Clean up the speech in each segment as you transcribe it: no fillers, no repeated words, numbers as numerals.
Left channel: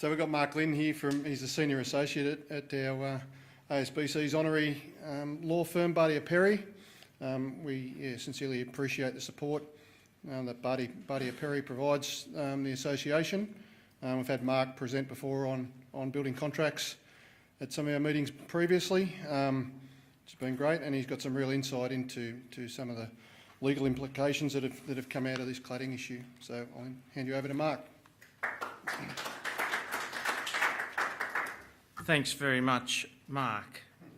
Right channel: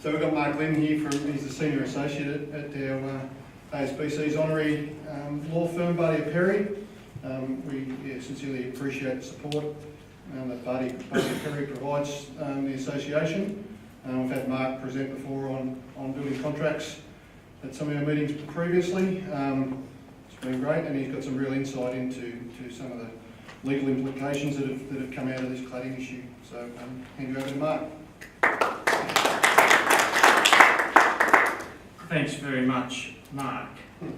So we've got Mark Glynn here, he's the Senior Associate at our ASBC's honorary law firm, Bartier Perrier. We sincerely appreciate the support that Bartier Perrier provides the association. We've had Mark present before on building contracts at some of our meetings previously. It's been great, and he's got some real insight into some of the legal implications that have come out of this cladding issue. So hand you over to Mark. Thanks very much, Mark.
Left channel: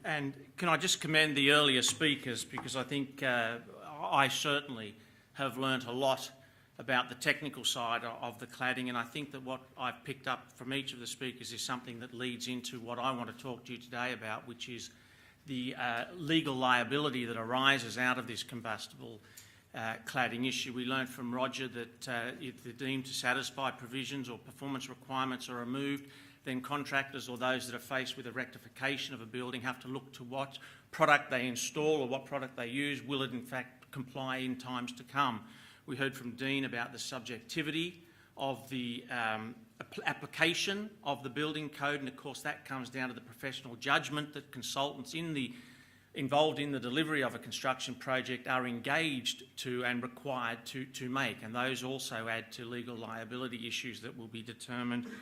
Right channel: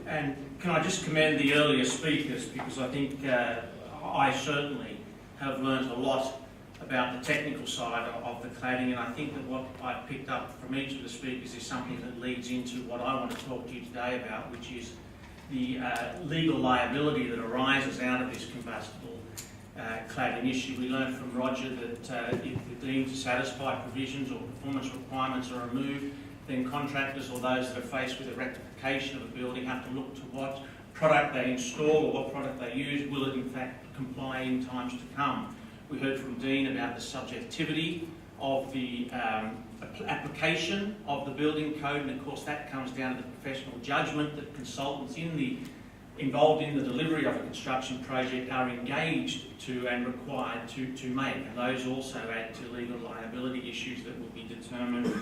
And can I just commend the earlier speakers, because I think I certainly have learnt a lot about the technical side of the cladding, and I think that what I've picked up from each of the speakers is something that leads into what I want to talk to you today about, which is the legal liability that arises out of this combustible cladding issue. We learned from Roger that if they're deemed to satisfy provisions or performance requirements are removed, then contractors or those that are faced with a rectification of a building have to look to what product they install or what product they use. Will it in fact comply in times to come? We heard from Dean about the subjectivity of the application of the building code, and of course that comes down to the professional judgment that consultants involved in the delivery of a construction project are engaged to and required to make, and those also add to legal liability issues that will be determined,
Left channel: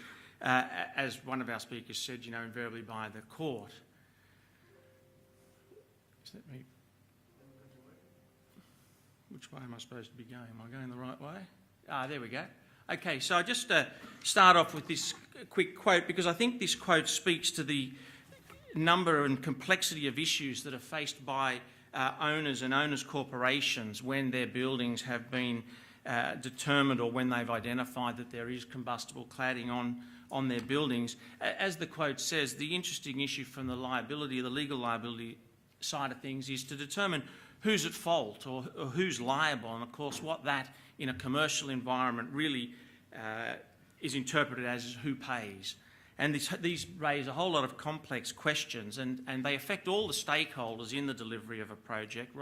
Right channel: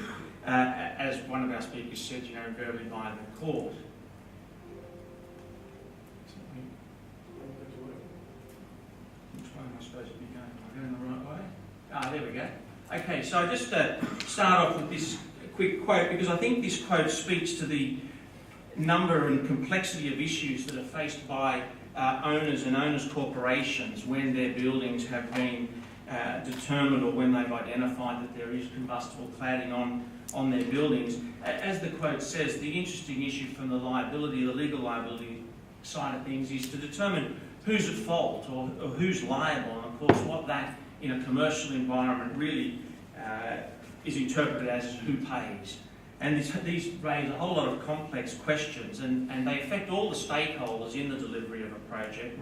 as one of our speakers said, invariably by the court. Which way am I supposed to be going? Am I going the right way? There we go. Okay, so I just start off with this quick quote, because I think this quote speaks to the number and complexity of issues that are faced by owners and owners' corporations when their buildings have been determined or when they've identified that there is combustible cladding on their buildings. As the quote says, the interesting issue from the legal liability side of things is to determine who's at fault or who's liable, and of course what that in a commercial environment really is interpreted as who pays. And these raise a whole lot of complex questions, and they affect all the stakeholders in the delivery of a project,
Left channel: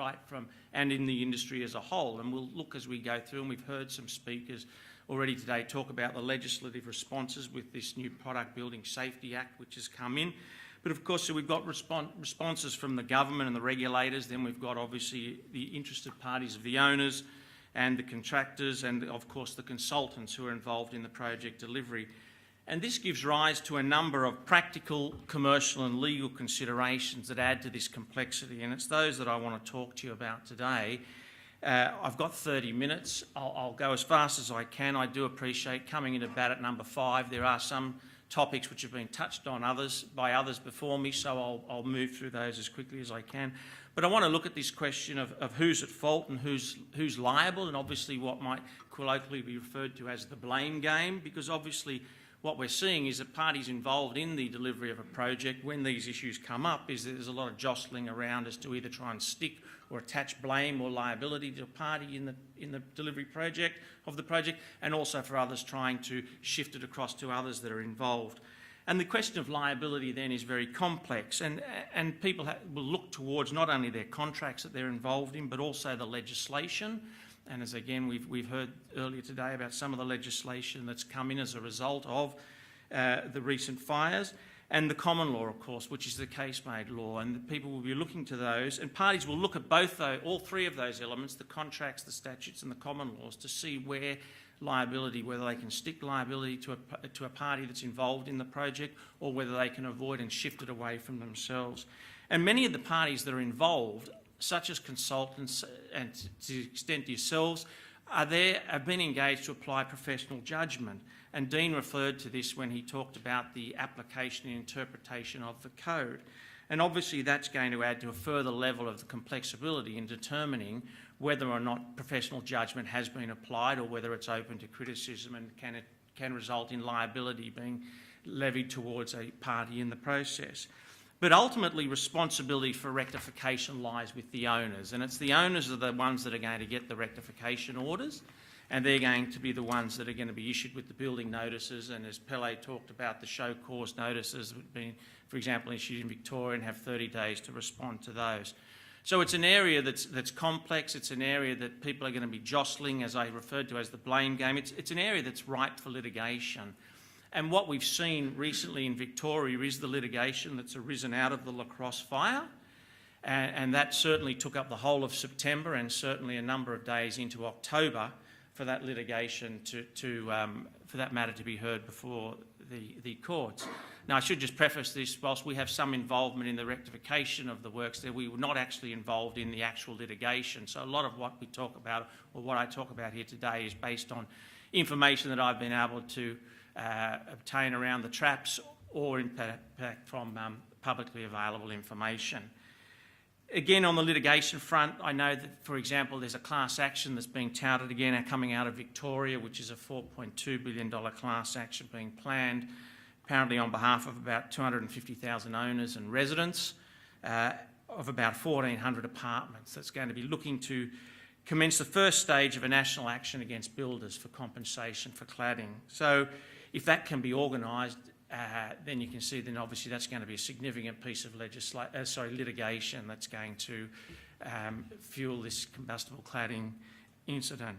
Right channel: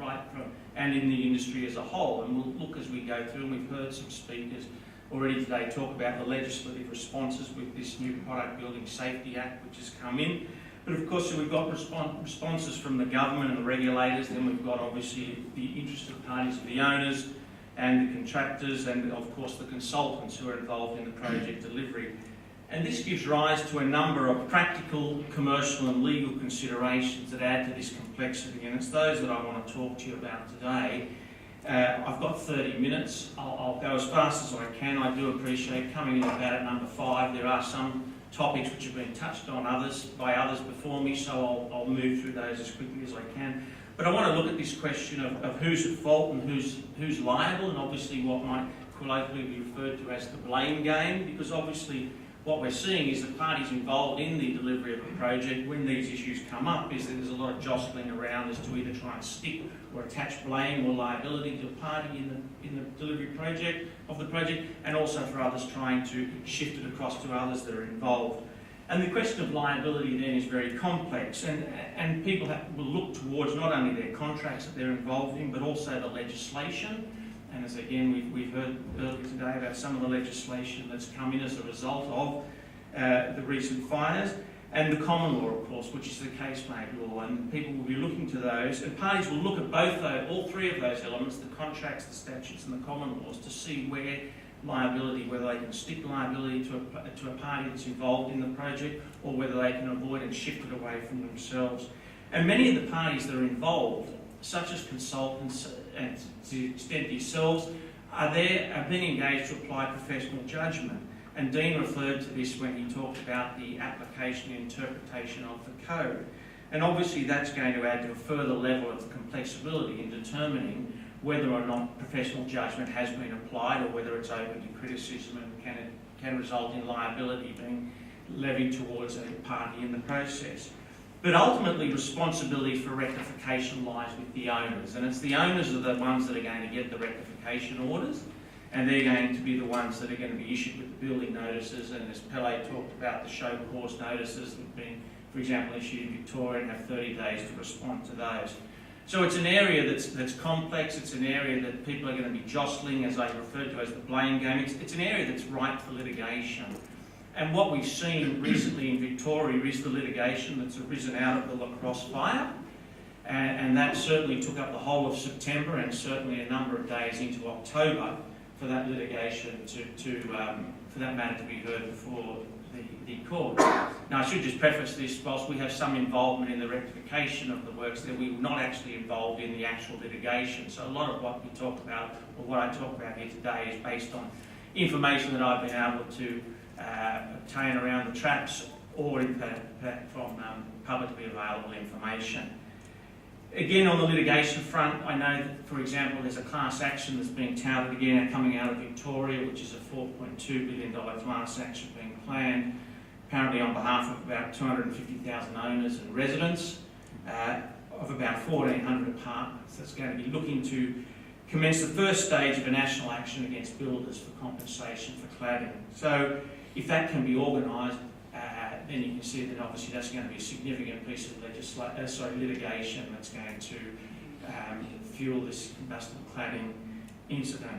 and in the industry as a whole. And we'll look as we go through, and we've heard some speakers already today talk about the legislative responses with this new Product Building Safety Act which has come in. But of course, so we've got responses from the government and the regulators, then we've got obviously the interested parties of the owners and the contractors, and of course the consultants who are involved in the project delivery. And this gives rise to a number of practical, commercial and legal considerations that add to this complexity, and it's those that I want to talk to you about today. I've got 30 minutes. I'll go as fast as I can. I do appreciate coming in about at number 5. There are some topics which have been touched on by others before me, so I'll move through those as quickly as I can. But I want to look at this question of who's at fault and who's liable, and obviously what might colloquially be referred to as the blame game, because obviously what we're seeing is that parties involved in the delivery of a project, when these issues come up, is that there's a lot of jostling around as to either try and stick or attach blame or liability to a party in the delivery of the project, and also for others trying to shift it across to others that are involved. And the question of liability then is very complex, and people will look towards not only their contracts that they're involved in, but also the legislation. And as again we've heard earlier today about some of the legislation that's come in as a result of the recent fires, and the common law, of course, which is the case-made law, and people will be looking to those, and parties will look at all three of those elements, the contracts, the statutes and the common laws, to see where liability, whether they can stick liability to a party that's involved in the project, or whether they can avoid and shift it away from themselves. And many of the parties that are involved, such as consultants and to the extent yourselves, have been engaged to apply professional judgment. And Dean referred to this when he talked about the application and interpretation of the code. And obviously that's going to add to a further level of complexity in determining whether or not professional judgment has been applied, or whether it's open to criticism and can result in liability being levied towards a party in the process. But ultimately, responsibility for rectification lies with the owners, and it's the owners are the ones that are going to get the rectification orders, and they're going to be the ones that are going to be issued with the building notices, and as Pele talked about, the show cause notices that have been, for example, issued in Victoria, and have 30 days to respond to those. So it's an area that's complex, it's an area that people are going to be jostling, as I referred to as the blame game. It's an area that's ripe for litigation. And what we've seen recently in Victoria is the litigation that's arisen out of the lacrosse fire. And that certainly took up the whole of September and certainly a number of days into October for that litigation for that matter to be heard before the court. Now, I should just preface this, whilst we have some involvement in the rectification of the works, that we were not actually involved in the actual litigation. So a lot of what we talk about, or what I talk about here today, is based on information that I've been able to obtain around the traps or from publicly available information. Again, on the litigation front, I know that, for example, there's a class action that's being touted again coming out of Victoria, which is a $4.2 billion class action being planned, apparently on behalf of about 250,000 owners and residents of about 1,400 apartments. That's going to be looking to commence the first stage of a national action against builders for compensation for cladding. So if that can be organised, then you can see that obviously that's going to be a significant piece of litigation that's going to fuel this combustible cladding incident.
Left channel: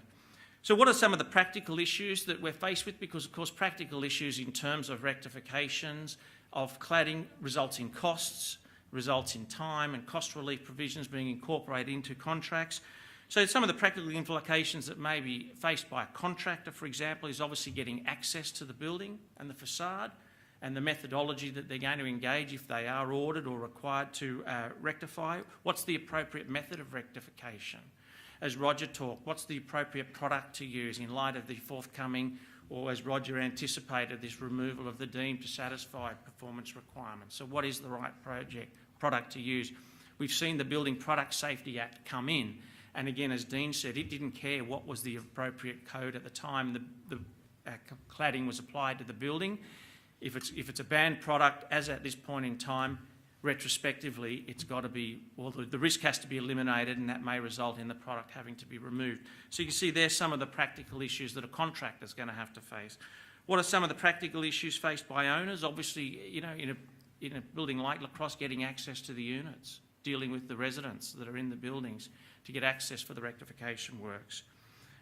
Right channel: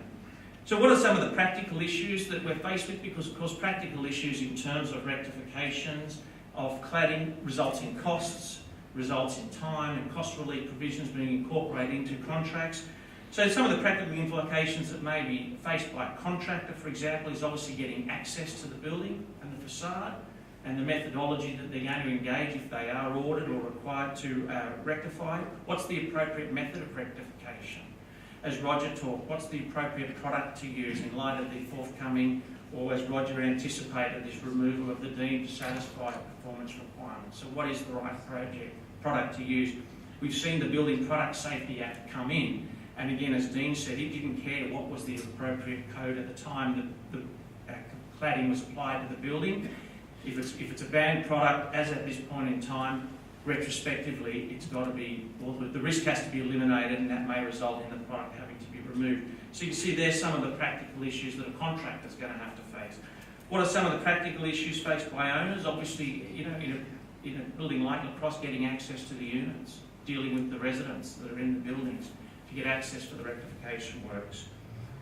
So what are some of the practical issues that we're faced with? Because of course practical issues in terms of rectifications of cladding results in costs, results in time and cost relief provisions being incorporated into contracts. So some of the practical implications that may be faced by a contractor, for example, is obviously getting access to the building and the facade, and the methodology that they're going to engage if they are ordered or required to rectify. What's the appropriate method of rectification? As Roger talked, what's the appropriate product to use in light of the forthcoming, or as Roger anticipated, this removal of the deemed to satisfy performance requirements? So what is the right product to use? We've seen the Building Product Safety Act come in, and again, as Dean said, he didn't care what was the appropriate code at the time that the cladding was applied to the building. If it's a banned product, as at this point in time, retrospectively, it's got to be, well, the risk has to be eliminated, and that may result in the product having to be removed. So you can see there's some of the practical issues that a contractor's going to have to face. What are some of the practical issues faced by owners? Obviously, you know, in a building like Lacrosse, getting access to the units, dealing with the residents that are in the buildings to get access for the rectification works.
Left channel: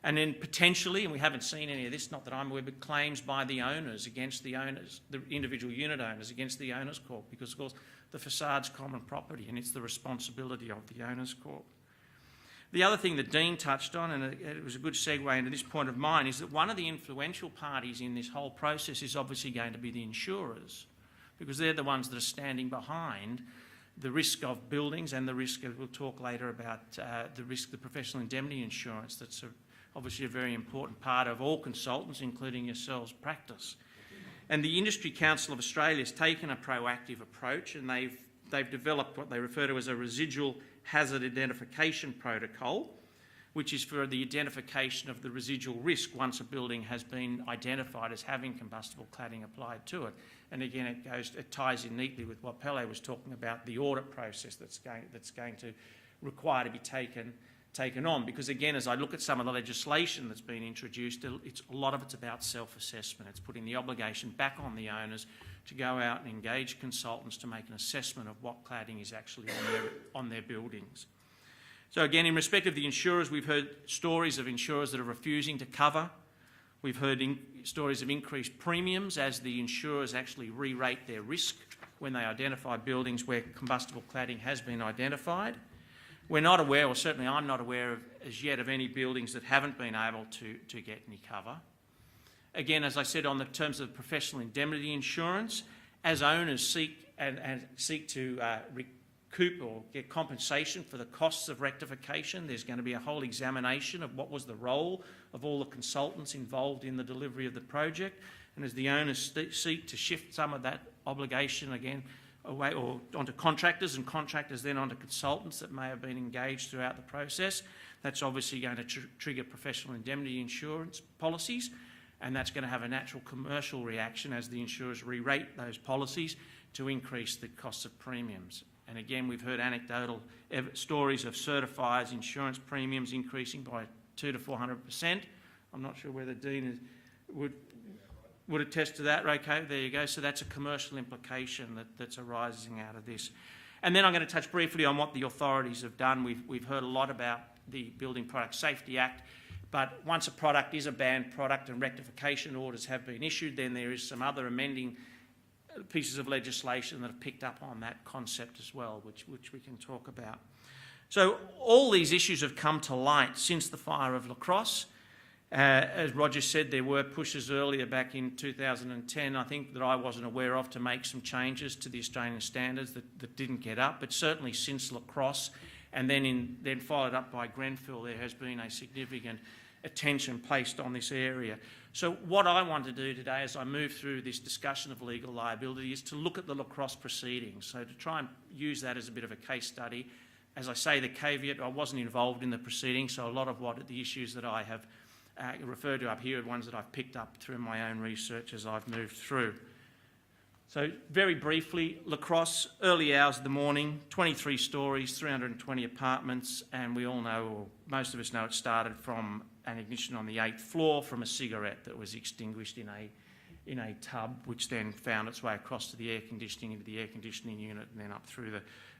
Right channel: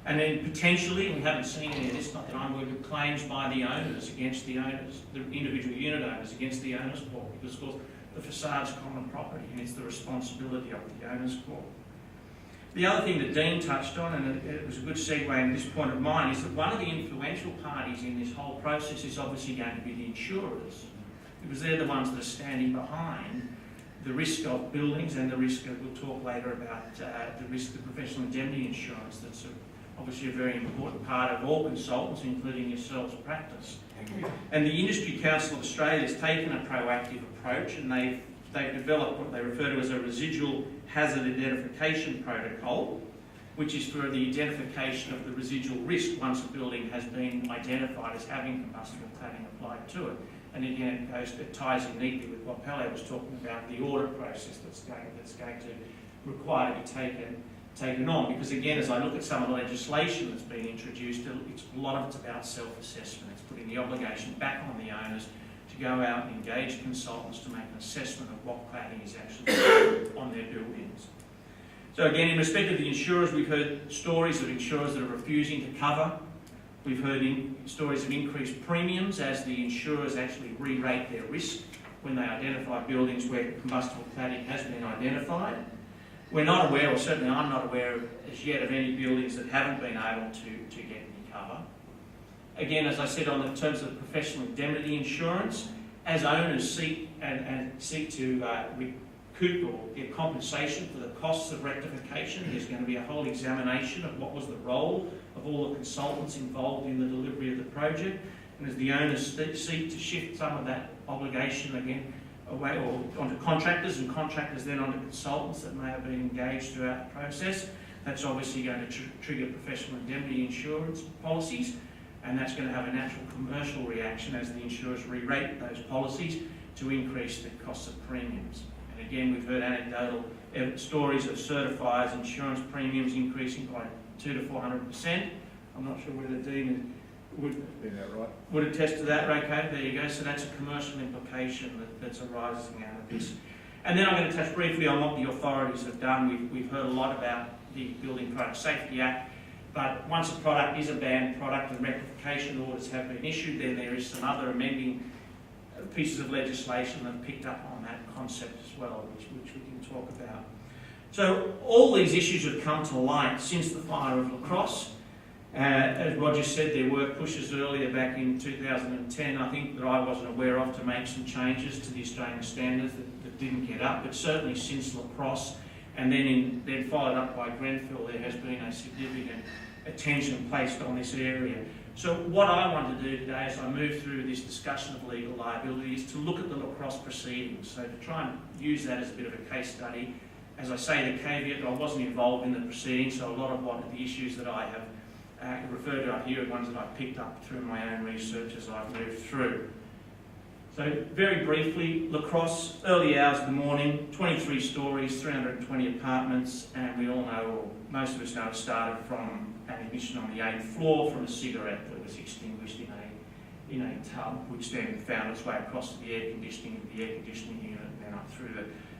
And then potentially, we haven't seen any of this, not that I'm aware of, claims by the owners against the owners, the individual unit owners against the owners' court, because of course the facade's common property and it's the responsibility of the owners' court. The other thing that Dean touched on, and it was a good segue into this point of mine, is that one of the influential parties in this whole process is obviously going to be the insurers, because they're the ones that are standing behind the risk of buildings and the risk of, we'll talk later about the risk of the professional indemnity insurance. That's obviously a very important part of all consultants, including yourselves, practice. And the Industry Council of Australia has taken a proactive approach, and they've developed what they refer to as a residual hazard identification protocol, which is for the identification of the residual risk once a building has been identified as having combustible cladding applied to it. And again, it ties in neatly with what Pele was talking about, the audit process that's going to require to be taken on, because again, as I look at some of the legislation that's been introduced, a lot of it's about self-assessment. It's putting the obligation back on the owners to go out and engage consultants to make an assessment of what cladding is actually on their buildings. So again, in respect of the insurers, we've heard stories of insurers that are refusing to cover. We've heard stories of increased premiums as the insurers actually re-rate their risk when they identify buildings where combustible cladding has been identified. We're not aware, or certainly I'm not aware of, as yet, of any buildings that haven't been able to get any cover. Again, as I said, on the terms of professional indemnity insurance, as owners seek to recoup or get compensation for the costs of rectification, there's going to be a whole examination of what was the role of all the consultants involved in the delivery of the project. And as the owners seek to shift some of that obligation again away or onto contractors, and contractors then onto consultants that may have been engaged throughout the process, that's obviously going to trigger professional indemnity insurance policies, and that's going to have a natural commercial reaction as the insurers re-rate those policies to increase the cost of premiums. And again, we've heard anecdotal stories of certifiers' insurance premiums increasing by 200 to 400%. I'm not sure whether Dean would attest to that. Okay, there you go. So that's a commercial implication that's arising out of this. And then I'm going to touch briefly on what the authorities have done. We've heard a lot about the Building Product Safety Act But once a product is a banned product and rectification orders have been issued, then there is some other amending pieces of legislation that have picked up on that concept as well, which we can talk about. So all these issues have come to light since the fire of La Crosse. As Roger said, there were pushes earlier back in 2010, I think, that I wasn't aware of, to make some changes to the Australian standards that didn't get up, but certainly since La Crosse, and then followed up by Grenfell, there has been a significant attention placed on this area. So what I want to do today as I move through this discussion of legal liability is to look at the La Crosse proceedings, so to try and use that as a bit of a case study. As I say, the caveat, I wasn't involved in the proceedings, so a lot of what the issues that I have referred to up here are ones that I've picked up through my own research as I've moved through. So very briefly, La Crosse, early hours of the morning, 23 stories, 320 apartments, and we all know, or most of us know, it started from an ignition on the 8th floor from a cigarette that was extinguished in a tub, which then found its way across to the air conditioning unit, and then up through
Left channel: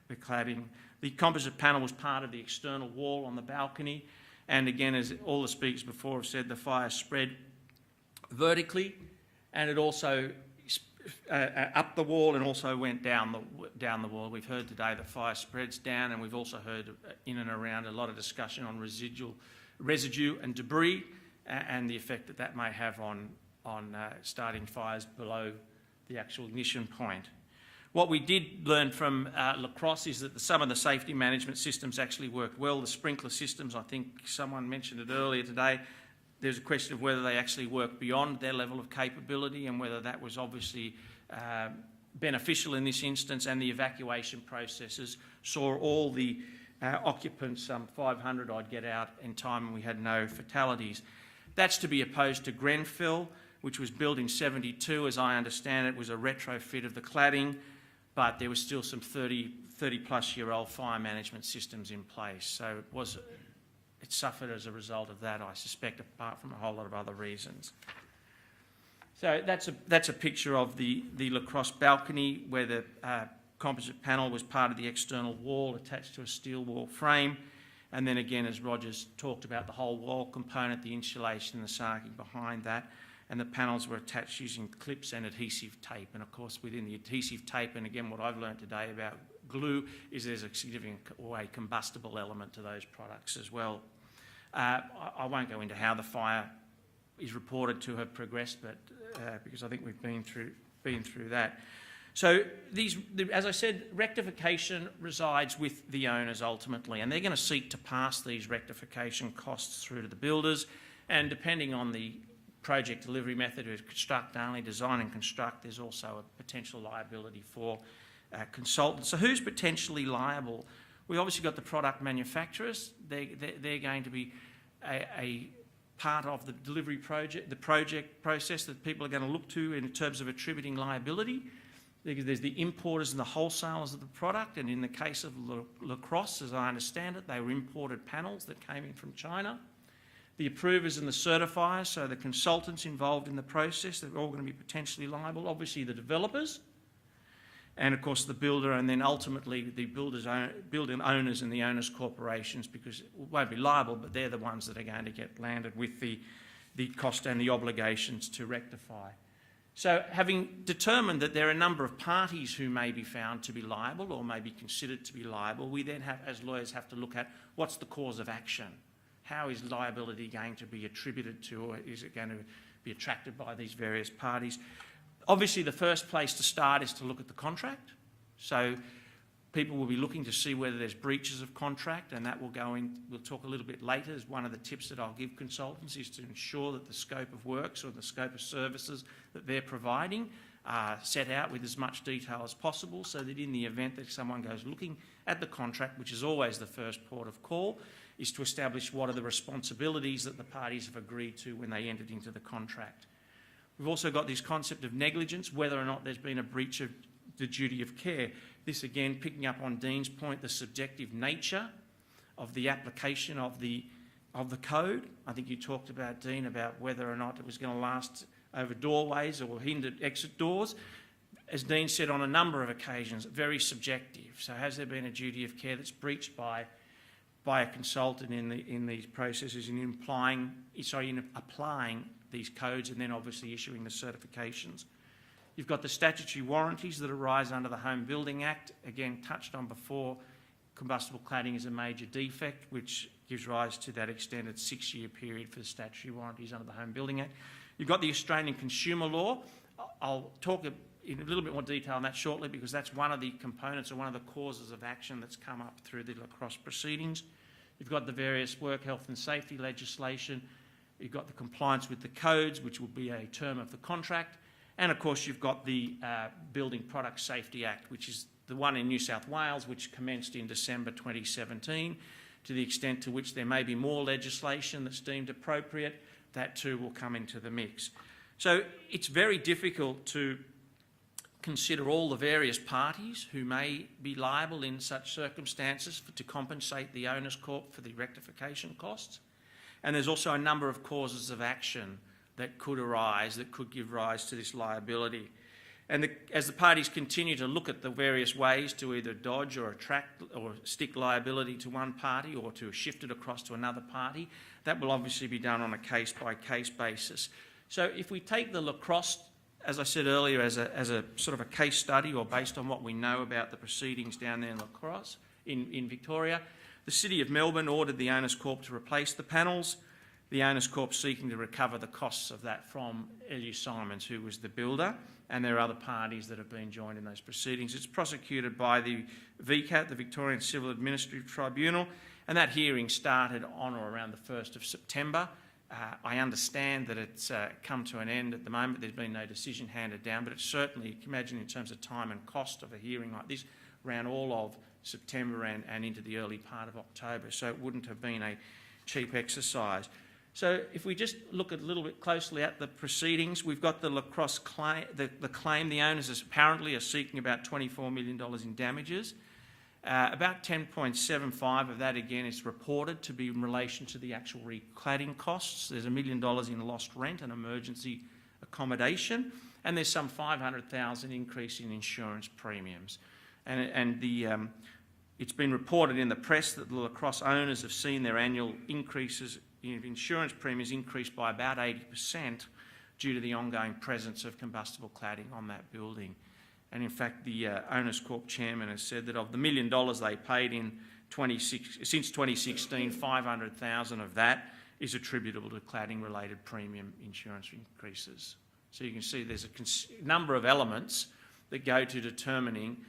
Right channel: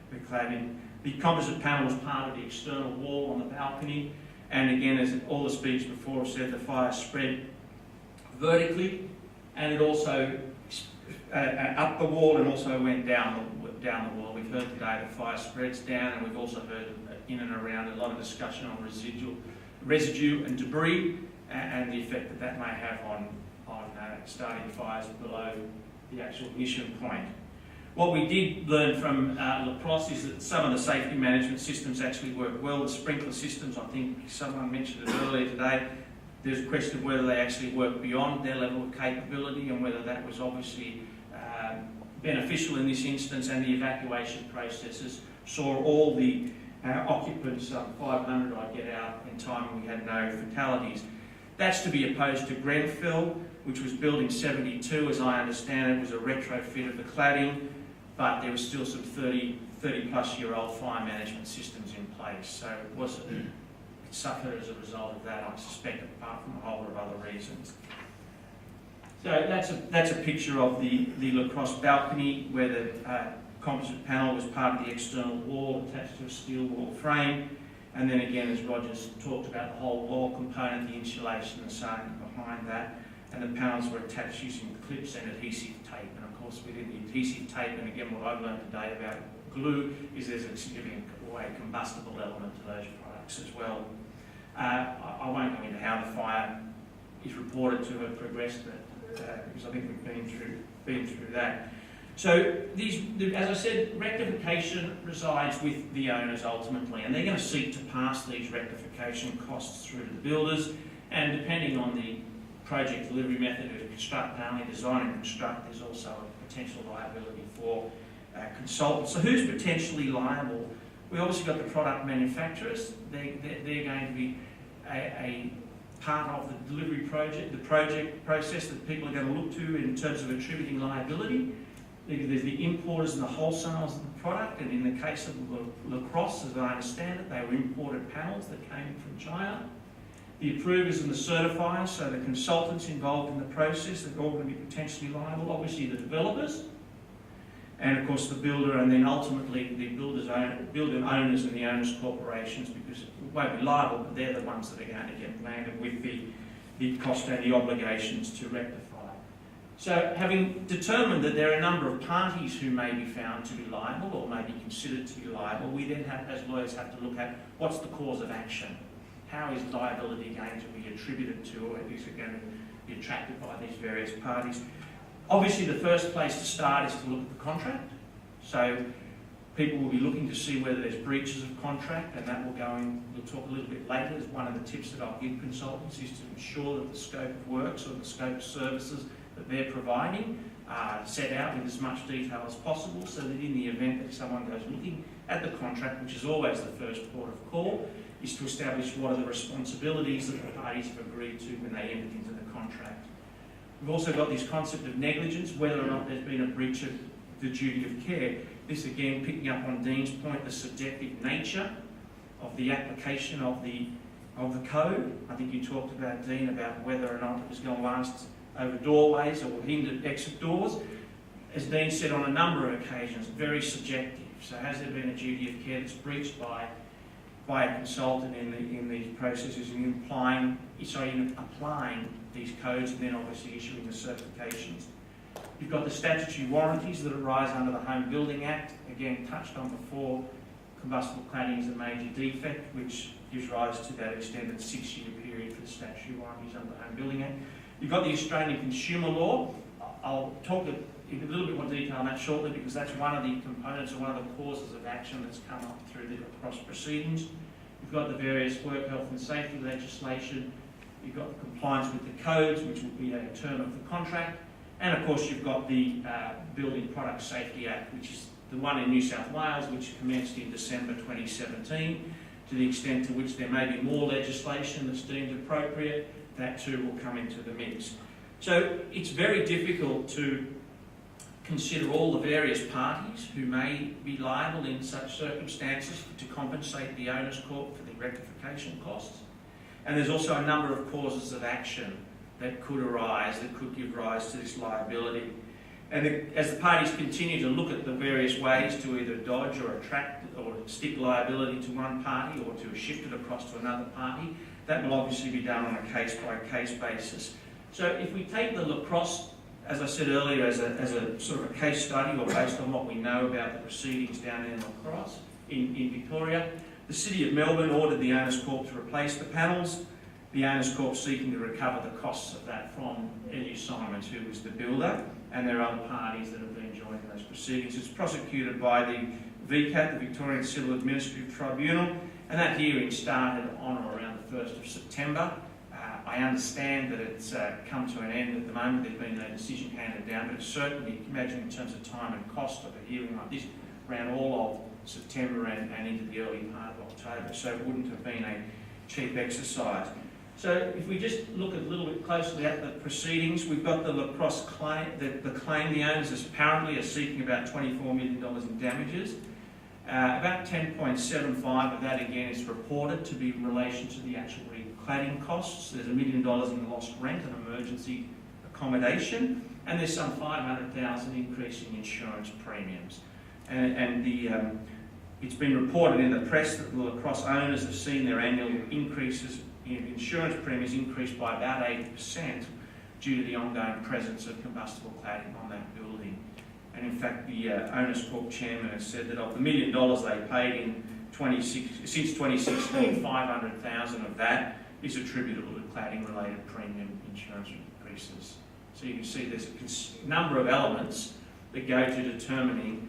the cladding. The composite panel was part of the external wall on the balcony, and again, as all the speakers before have said, the fire spread vertically, and it also up the wall and also went down the wall. We've heard today the fire spreads down, and we've also heard in and around a lot of discussion on residue and debris, and the effect that may have on starting fires below the actual ignition point. What we did learn from La Crosse is that some of the safety management systems actually work well. The sprinkler systems, I think someone mentioned it earlier today, there's a question of whether they actually work beyond their level of capability and whether that was obviously beneficial in this instance, and the evacuation processes saw all the occupants, 500 I'd get out in time, and we had no fatalities. That's to be opposed to Grenfell, which was built in 72, as I understand it, was a retrofit of the cladding, but there was still some 30 plus year old fire management systems in place. So it suffered as a result of that, I suspect, apart from a whole lot of other reasons. So that's a picture of the La Crosse balcony, where the composite panel was part of the external wall attached to a steel wall frame. And then again, as Roger's talked about, the whole wall component, the insulation, the circuit behind that, and the panels were attached using clips and adhesive tape. And of course, within the adhesive tape, and again, what I've learned today about glue, is there's a significant combustible element to those products as well. I won't go into how the fire is reported to have progressed, but because I think we've been through that. So as I said, rectification resides with the owners ultimately, and they're going to seek to pass these rectification costs through to the builders, and depending on the project delivery method of construct only, design and construct, there's also a potential liability for consultants. So who's potentially liable? We obviously got the product manufacturers. They're going to be a part of the delivery project, the project process that people are going to look to in terms of attributing liability. There's the importers and the wholesalers of the product, and in the case of La Crosse, as I understand it, they were imported panels that came in from China. The approvers and the certifiers, so the consultants involved in the process, they're all going to be potentially liable. Obviously the developers, and of course the builder, and then ultimately the building owners and the owners' corporations, because it won't be liable, but they're the ones that are going to get landed with the cost and the obligations to rectify. So having determined that there are a number of parties who may be found to be liable or may be considered to be liable, we then have, as lawyers, have to look at what's the cause of action. How is liability going to be attributed to, or is it going to be attracted by these various parties? Obviously the first place to start is to look at the contract. So people will be looking to see whether there's breaches of contract, and that will go in, we'll talk a little bit later, as one of the tips that I'll give consultants is to ensure that the scope of works or the scope of services that they're providing are set out in as much detail as possible, so that in the event that someone goes looking at the contract, which is always the first port of call, is to establish what are the responsibilities that the parties have agreed to when they entered into the contract. We've also got this concept of negligence, whether or not there's been a breach of the duty of care. This again, picking up on Dean's point, the subjective nature of the application of the code. I think you talked about, Dean, about whether or not it was going to last over doorways or hindered exit doors. As Dean said on a number of occasions, very subjective. So has there been a duty of care that's breached by by a consultant in these processes in applying these codes and then obviously issuing the certifications. You've got the statutory warranties that arise under the Home Building Act, again touched on before. Combustible cladding is a major defect, which gives rise to that extended 6-year period for the statutory warranties under the Home Building Act. You've got the Australian Consumer Law. I'll talk in a little bit more detail on that shortly, because that's one of the components and one of the causes of action that's come up through the lacrosse proceedings. You've got the various work health and safety legislation. You've got the compliance with the codes, which will be a term of the contract. And of course you've got the Building Product Safety Act, which is the one in New South Wales, which commenced in December 2017. To the extent to which there may be more legislation that's deemed appropriate, that too will come into the mix. So it's very difficult to consider all the various parties who may be liable in such circumstances to compensate the owners' corp for the rectification costs. And there's also a number of causes of action that could arise, that could give rise to this liability. And as the parties continue to look at the various ways to either dodge or attract or stick liability to one party or to shift it across to another party, that will obviously be done on a case-by-case basis. So if we take the lacrosse, as I said earlier, as a sort of a case study, or based on what we know about the proceedings down there in lacrosse in Victoria, the City of Melbourne ordered the Owners Corp to replace the panels. The Owners Corp seeking to recover the costs of that from L.U. Simons, who was the builder, and there are other parties that have been joined in those proceedings. It's prosecuted by the VCAT, the Victorian Civil Administrative Tribunal, and that hearing started on or around the 1st of September. I understand that it's come to an end at the moment. There's been no decision handed down, but certainly, imagine in terms of time and cost of a hearing like this, ran all of September and into the early part of October, so it wouldn't have been a cheap exercise. So if we just look a little bit closely at the proceedings, we've got the lacrosse claim. The claim, the owners apparently are seeking about $24 million in damages. About 10.75 of that, again, is reported to be in relation to the actual recladding costs. There's $1 million in lost rent and emergency accommodation, and there's some $500,000 increase in insurance premiums. It's been reported in the press that the lacrosse owners have seen their annual increases in insurance premiums increased by about 80% due to the ongoing presence of combustible cladding on that building. And in fact, the Owners Corp chairman has said that of the $1 million they paid in since 2016, 500,000 of that is attributable to cladding-related premium insurance increases. So you can see there's a number of elements that go to determining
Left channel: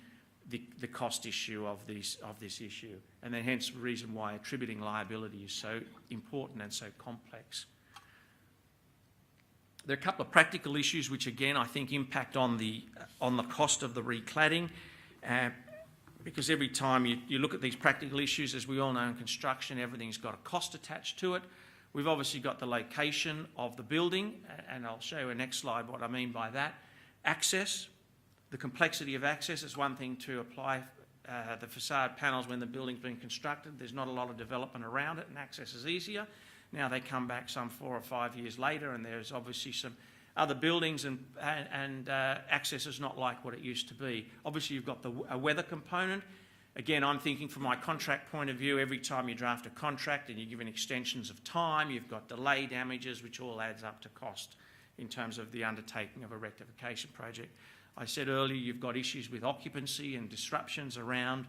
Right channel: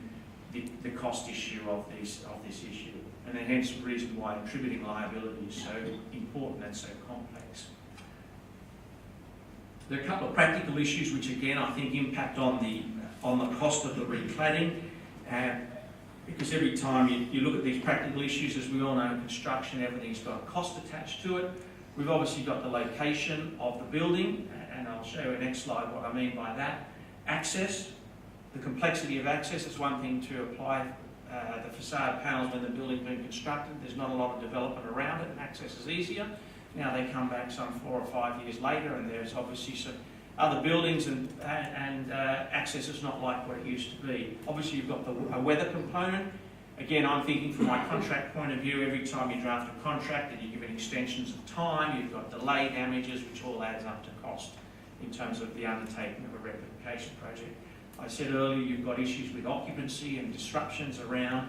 the cost issue of this issue. And then hence the reason why attributing liability is so important and so complex. There are a couple of practical issues which again I think impact on the cost of the recladding, because every time you look at these practical issues, as we all know in construction, everything's got a cost attached to it. We've obviously got the location of the building, and I'll show you in the next slide what I mean by that. Access, the complexity of access is one thing to apply the facade panels when the building's being constructed. There's not a lot of development around it and access is easier. Now they come back some 4 or 5 years later and there's obviously some other buildings and access is not like what it used to be. Obviously you've got a weather component. Again, I'm thinking from my contract point of view, every time you draft a contract and you're given extensions of time, you've got delay damages, which all adds up to cost in terms of the undertaking of a rectification project. I said earlier you've got issues with occupancy and disruptions around,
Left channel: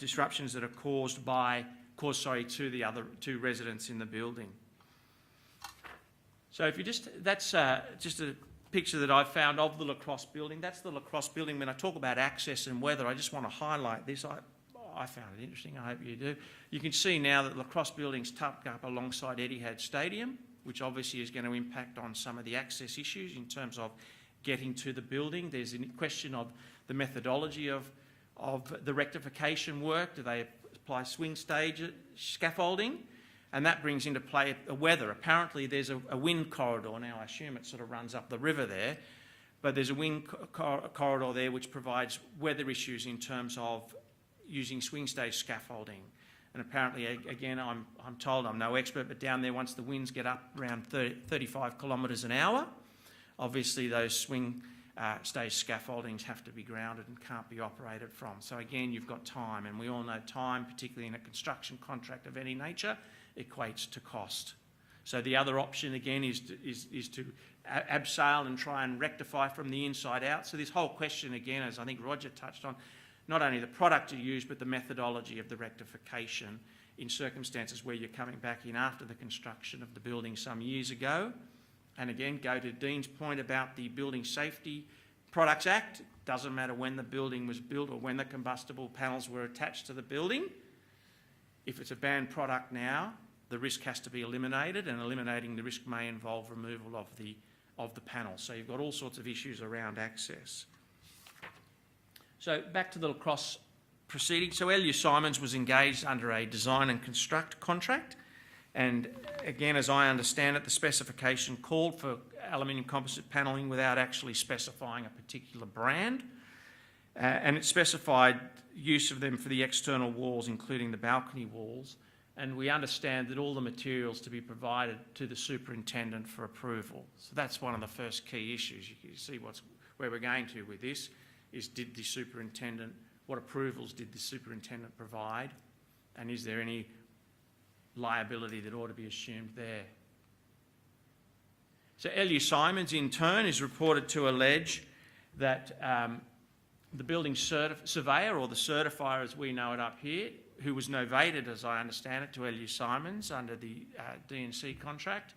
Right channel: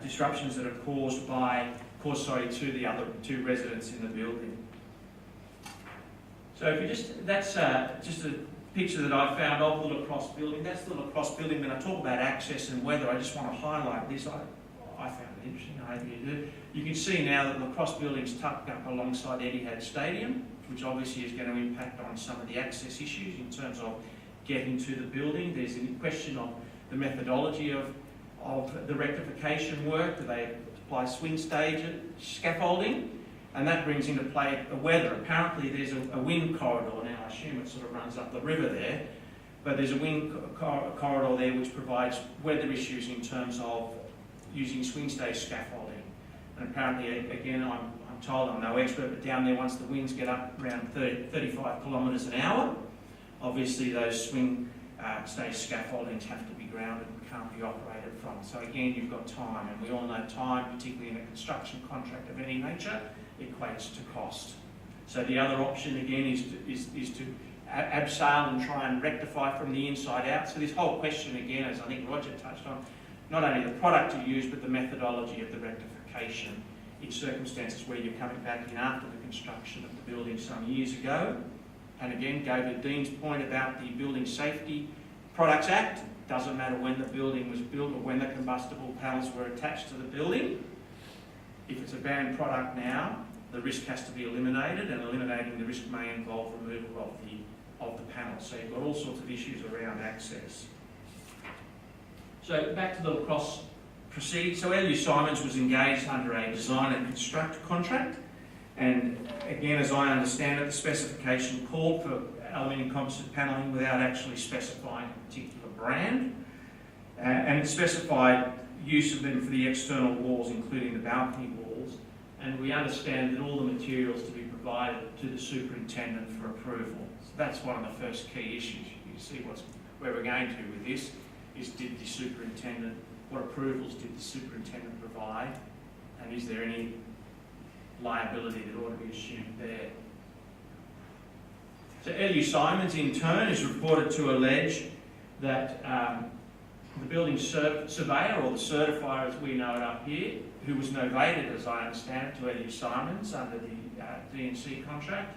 disruptions that are caused to the other two residents in the building. So if you that's just a picture that I found of the lacrosse building. That's the lacrosse building. When I talk about access and weather, I just want to highlight this. I found it interesting, I hope you do. You can see now that the lacrosse building's tucked up alongside Etihad Stadium, which obviously is going to impact on some of the access issues in terms of getting to the building. There's a question of the methodology of the rectification work. Do they apply swing stage scaffolding? And that brings into play weather. Apparently there's a wind corridor now. I assume it sort of runs up the river there. But there's a wind corridor there which provides weather issues in terms of using swing stage scaffolding. And apparently, again, I'm told, I'm no expert, but down there once the winds get up around 35 kilometres an hour, obviously those swing Today's scaffoldings have to be grounded and can't be operated from. So again, you've got time, and we all know time, particularly in a construction contract of any nature, equates to cost. So the other option again is to abseil and try and rectify from the inside out. So this whole question again, as I think Roger touched on, not only the product to use, but the methodology of the rectification in circumstances where you're coming back in after the construction of the building some years ago. And again, go to Dean's point about the Building Safety Products Act. Doesn't matter when the building was built or when the combustible panels were attached to the building. If it's a banned product now, the risk has to be eliminated, and eliminating the risk may involve removal of the panel. So you've got all sorts of issues around access. So back to the lacrosse proceeding. So L.U. Simons was engaged under a design and construct contract, and again, as I understand it, the specification called for aluminium composite panelling without actually specifying a particular brand, and it specified use of them for the external walls, including the balcony walls, and we understand that all the materials to be provided to the superintendent for approval. So that's one of the first key issues. You see where we're going to with this, is did the superintendent, what approvals did the superintendent provide, and is there any liability that ought to be assumed there? So L.U. Simons in turn is reported to allege that the building surveyor, or the certifier as we know it up here, who was novated, as I understand it, to L.U. Simons under the D&C contract,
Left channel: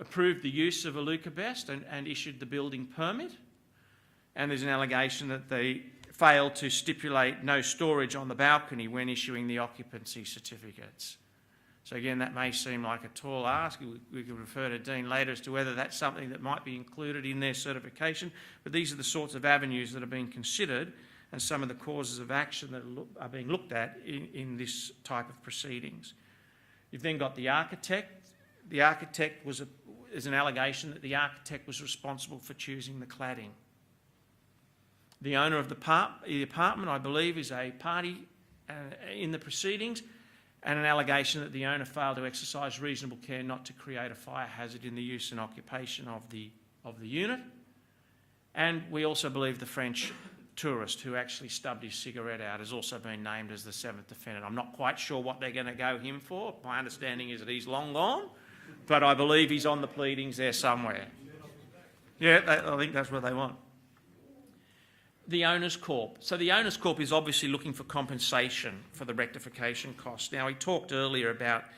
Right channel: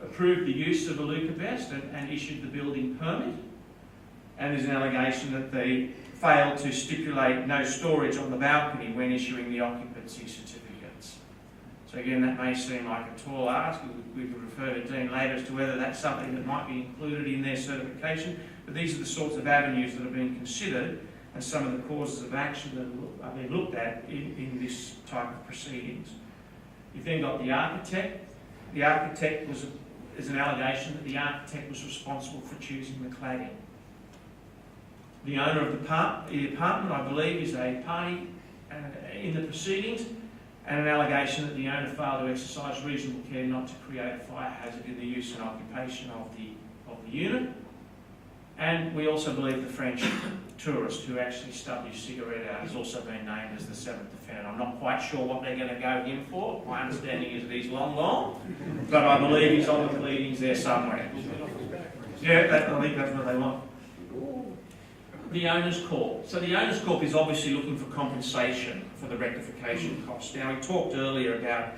approved the use of Alucobest and issued the building permit. And there's an allegation that they failed to stipulate no storage on the balcony when issuing the occupancy certificates. So again, that may seem like a tall ask. We could refer to Dean later as to whether that's something that might be included in their certification, but these are the sorts of avenues that are being considered and some of the causes of action that are being looked at in this type of proceedings. You've then got the architect. The architect there's an allegation that the architect was responsible for choosing the cladding. The owner of the apartment, I believe, is a party in the proceedings, and an allegation that the owner failed to exercise reasonable care not to create a fire hazard in the use and occupation of the unit. And we also believe the French tourist who actually stubbed his cigarette out has also been named as the seventh defendant. I'm not quite sure what they're going to go him for. My understanding is that he's long gone, but I believe he's on the pleadings there somewhere. Yeah, I think that's what they want. The Owners Corp. So the Owners Corp is obviously looking for compensation for the rectification costs. Now, we talked earlier about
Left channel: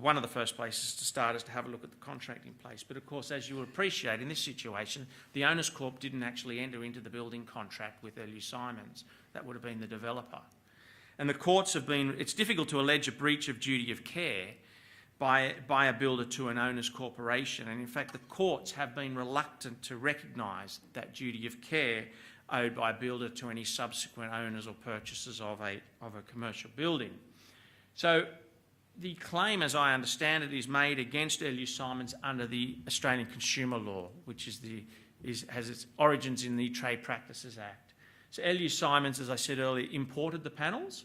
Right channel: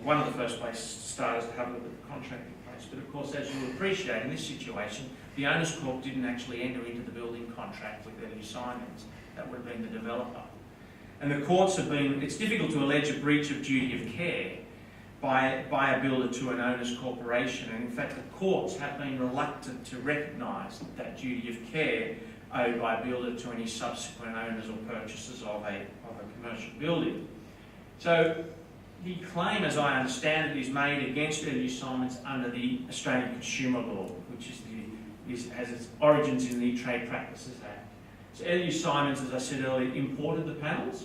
one of the first places to start is to have a look at the contract in place. But of course, as you will appreciate, in this situation, the Owners Corp didn't actually enter into the building contract with L.U. Simons. That would have been the developer. And the courts have been, it's difficult to allege a breach of duty of care by a builder to an owner's corporation, and in fact the courts have been reluctant to recognise that duty of care owed by a builder to any subsequent owners or purchasers of a commercial building. So the claim, as I understand it, is made against L.U. Simons under the Australian Consumer Law, which has its origins in the Trade Practices Act. So L.U. Simons, as I said earlier, imported the panels.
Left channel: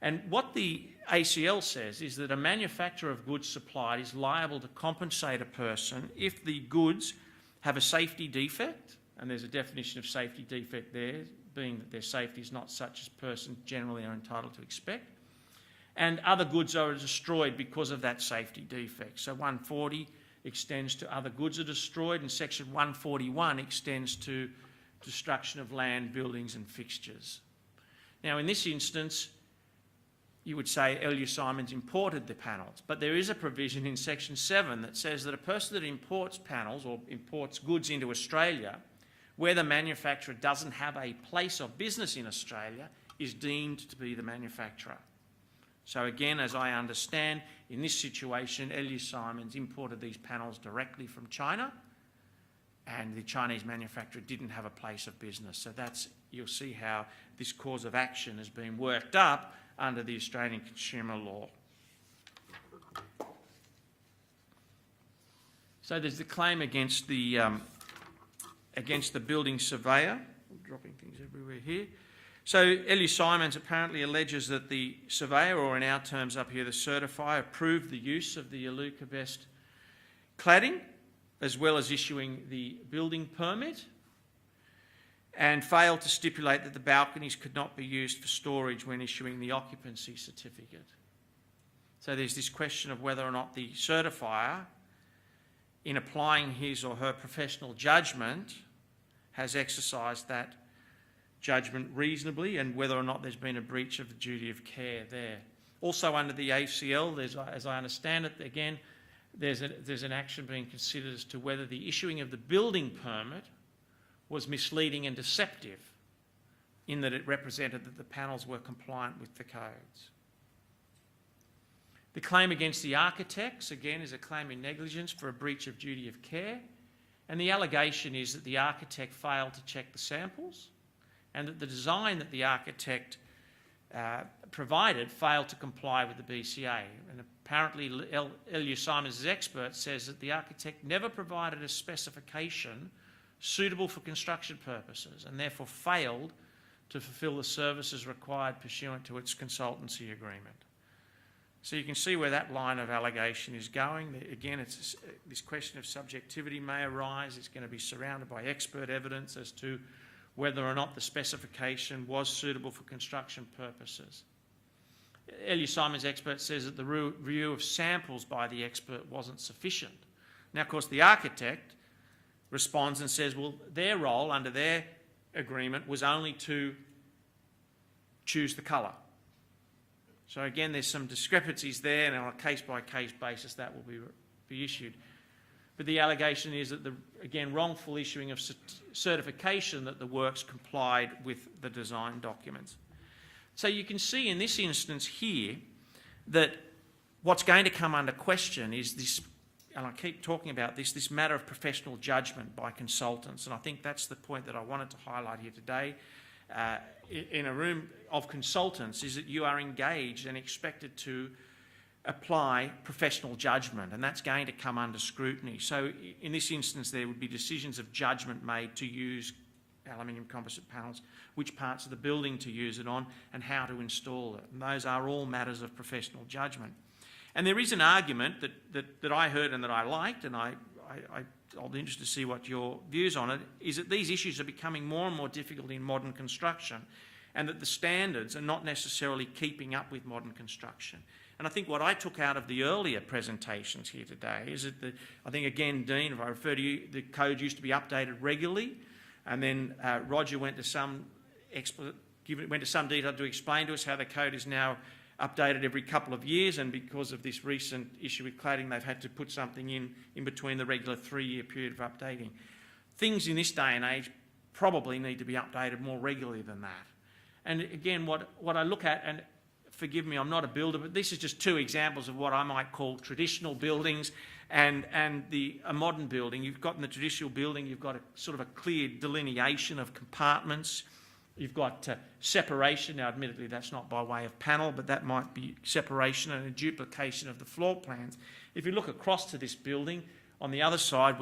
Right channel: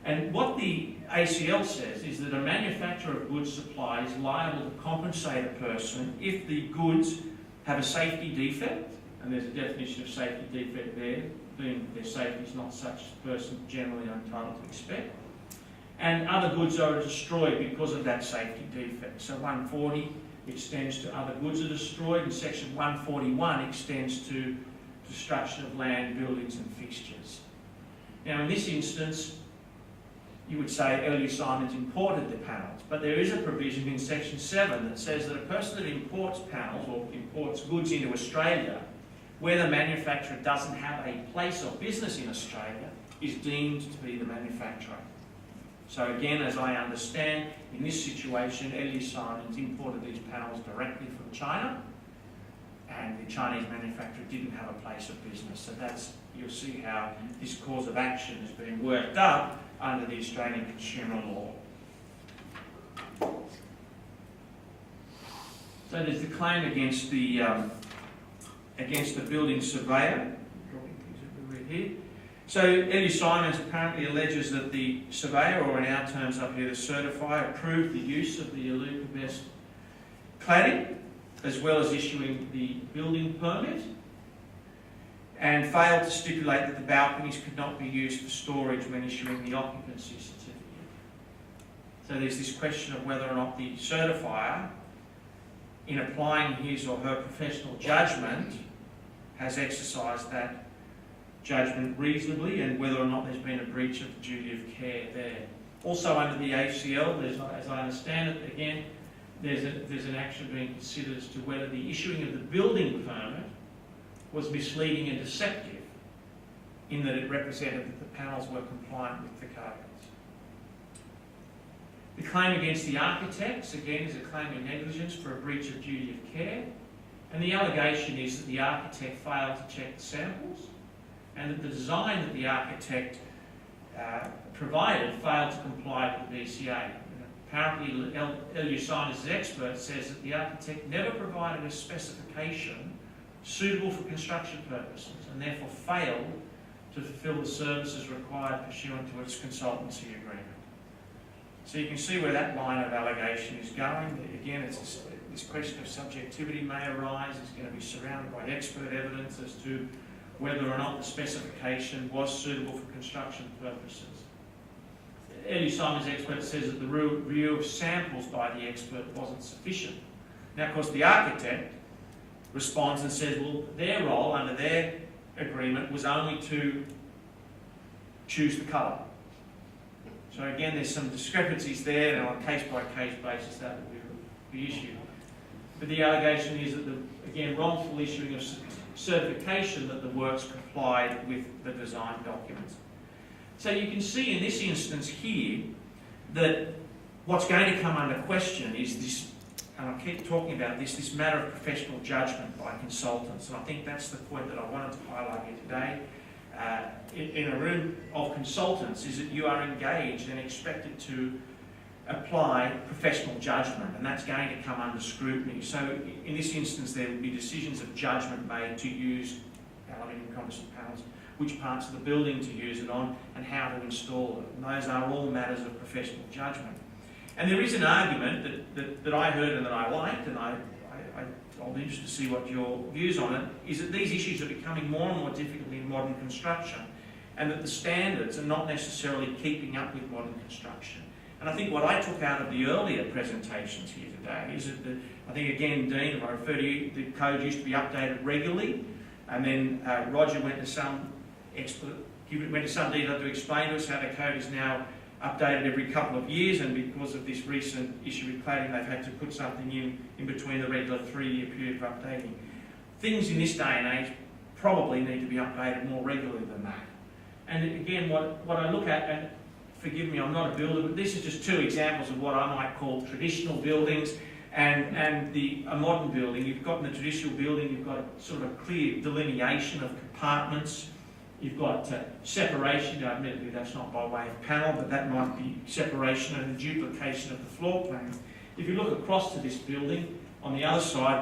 And what the ACL says is that a manufacturer of goods supplied is liable to compensate a person if the goods have a safety defect, and there's a definition of safety defect there, being their safety is not such as a person generally are entitled to expect, and other goods are destroyed because of that safety defect. So 140 extends to other goods are destroyed, and section 141 extends to destruction of land, buildings and fixtures. Now in this instance, you would say L.U. Simons imported the panels, but there is a provision in section 7 that says that a person that imports panels or imports goods into Australia, where the manufacturer doesn't have a place of business in Australia, is deemed to be the manufacturer. So again, as I understand, in this situation, L.U. Simons imported these panels directly from China, and the Chinese manufacturer didn't have a place of business. So you'll see how this cause of action has been worked up under the Australian Consumer Law. So there's the claim against the building surveyor. Dropping things everywhere here. So L.U. Simons apparently alleges that the surveyor, or in our terms up here, the certifier, approved the use of the Alucobest cladding, as well as issuing the building permit, and failed to stipulate that the balconies could not be used for storage when issuing the occupancy certificate. So there's this question of whether or not the certifier, in applying his or her professional judgment, has exercised that judgment reasonably, and whether or not there's been a breach of the duty of care there. Also under the ACL, as I understand it, again, there's an action being considered as to whether the issuing of the building permit was misleading and deceptive in that it represented that the panels were compliant with the codes. The claim against the architects, again, is a claim of negligence for a breach of duty of care, and the allegation is that the architect failed to check the samples and that the design that the architect provided failed to comply with the BCA. And apparently, L.U. Simons' expert says that the architect never provided a specification suitable for construction purposes and therefore failed to fulfil the services required pursuant to its consultancy agreement. So you can see where that line of allegation is going. Again, this question of subjectivity may arise. It's going to be surrounded by expert evidence as to whether or not the specification was suitable for construction purposes. L.U. Simons' expert says that the review of samples by the expert wasn't sufficient. Now, of course, the architect responds and says, well, their role under their agreement was only to choose the colour. So again, there's some discrepancies there, and on a case-by-case basis that will be issued. But the allegation is that again, wrongful issuing of certification that the works complied with the design documents. So you can see in this instance here that what's going to come under question is this, and I keep talking about this matter of professional judgment by consultants, and I think that's the point that I wanted to highlight here today. In a room of consultants is that you are engaged and expected to apply professional judgment, and that's going to come under scrutiny. So in this instance there will be decisions of judgment made to use aluminium composite panels, which parts of the building to use it on, and how to install them. And those are all matters of professional judgment. And there is an argument that I heard and that I liked, and I'll be interested to see what your views on it, is that these issues are becoming more and more difficult in modern construction, and that the standards are not necessarily keeping up with modern construction. And I think what I took out of the earlier presentations here today is that, I think again, Dean, if I refer to you, the code used to be updated regularly, and then Roger went to some detail to explain to us how the code is now updated every couple of years, and because of this recent issue with cladding, they've had to put something in between the regular 3-year period of updating. Things in this day and age probably need to be updated more regularly than that. And again, what I look at, and forgive me, I'm not a builder, but this is just two examples of what I might call traditional buildings and a modern building. You've got in the traditional building, you've got a sort of a clear delineation of compartments. You've got separation. Now, admittedly, that's not by way of panel, but that might be separation and a duplication of the floor plan. If you look across to this building, on the other side,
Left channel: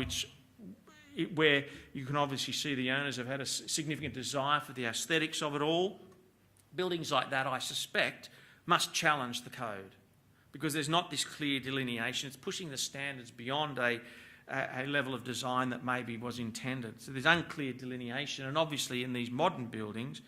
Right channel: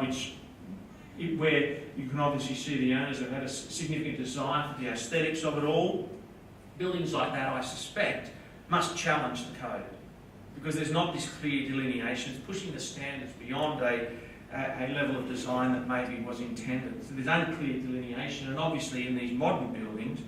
where you can obviously see the owners have had a significant desire for the aesthetics of it all, buildings like that, I suspect, must challenge the code, because there's not this clear delineation. It's pushing the standards beyond a level of design that maybe was intended. So there's unclear delineation, and obviously in these modern buildings,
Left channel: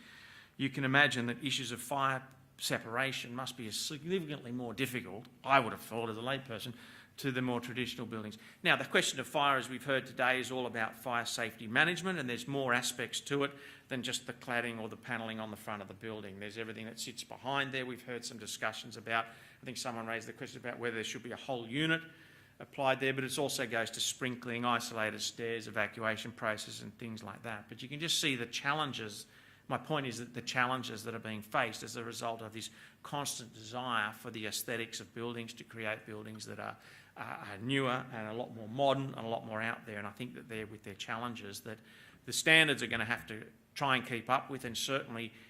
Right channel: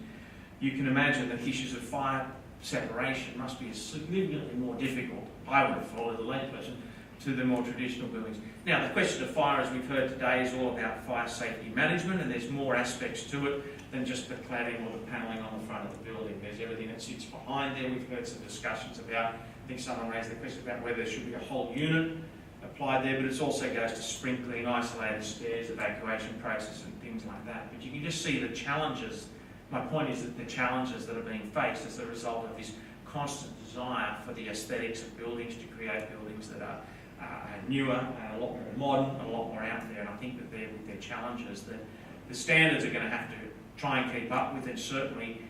you can imagine that issues of fire separation must be significantly more difficult, I would have thought as a layperson, to the more traditional buildings. Now, the question of fire, as we've heard today, is all about fire safety management, and there's more aspects to it than just the cladding or the panelling on the front of the building. There's everything that sits behind there. We've heard some discussions about, I think someone raised the question about whether there should be a whole unit applied there, but it also goes to sprinkling, isolated stairs, evacuation process and things like that. But you can just see the challenges. My point is that the challenges that are being faced as a result of this constant desire for the aesthetics of buildings, to create buildings that are newer and a lot more modern, a lot more out there. And I think that with their challenges, that the standards are going to have to try and keep up with, and certainly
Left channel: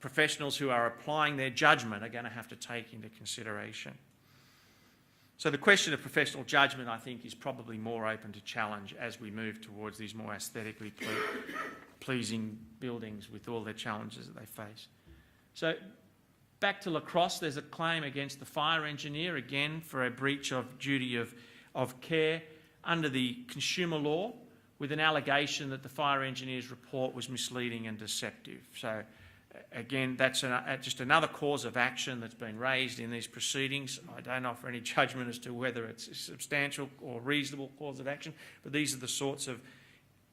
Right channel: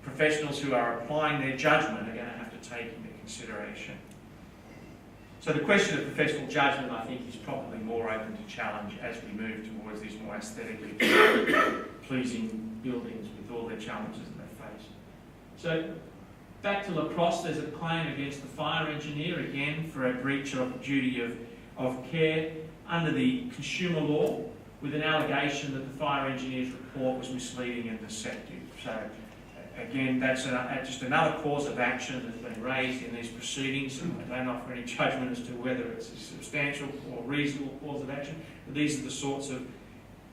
professionals who are applying their judgment are going to have to take into consideration. So the question of professional judgment, I think, is probably more open to challenge as we move towards these more aesthetically pleasing buildings with all the challenges that they face. So back to La Crosse, there's a claim against the fire engineer, again, for a breach of duty of of care under the consumer law, with an allegation that the fire engineer's report was misleading and deceptive. So again, that's just another cause of action that's been raised in these proceedings. I don't offer any judgment as to whether it's a substantial or reasonable cause of action, but these are the sorts of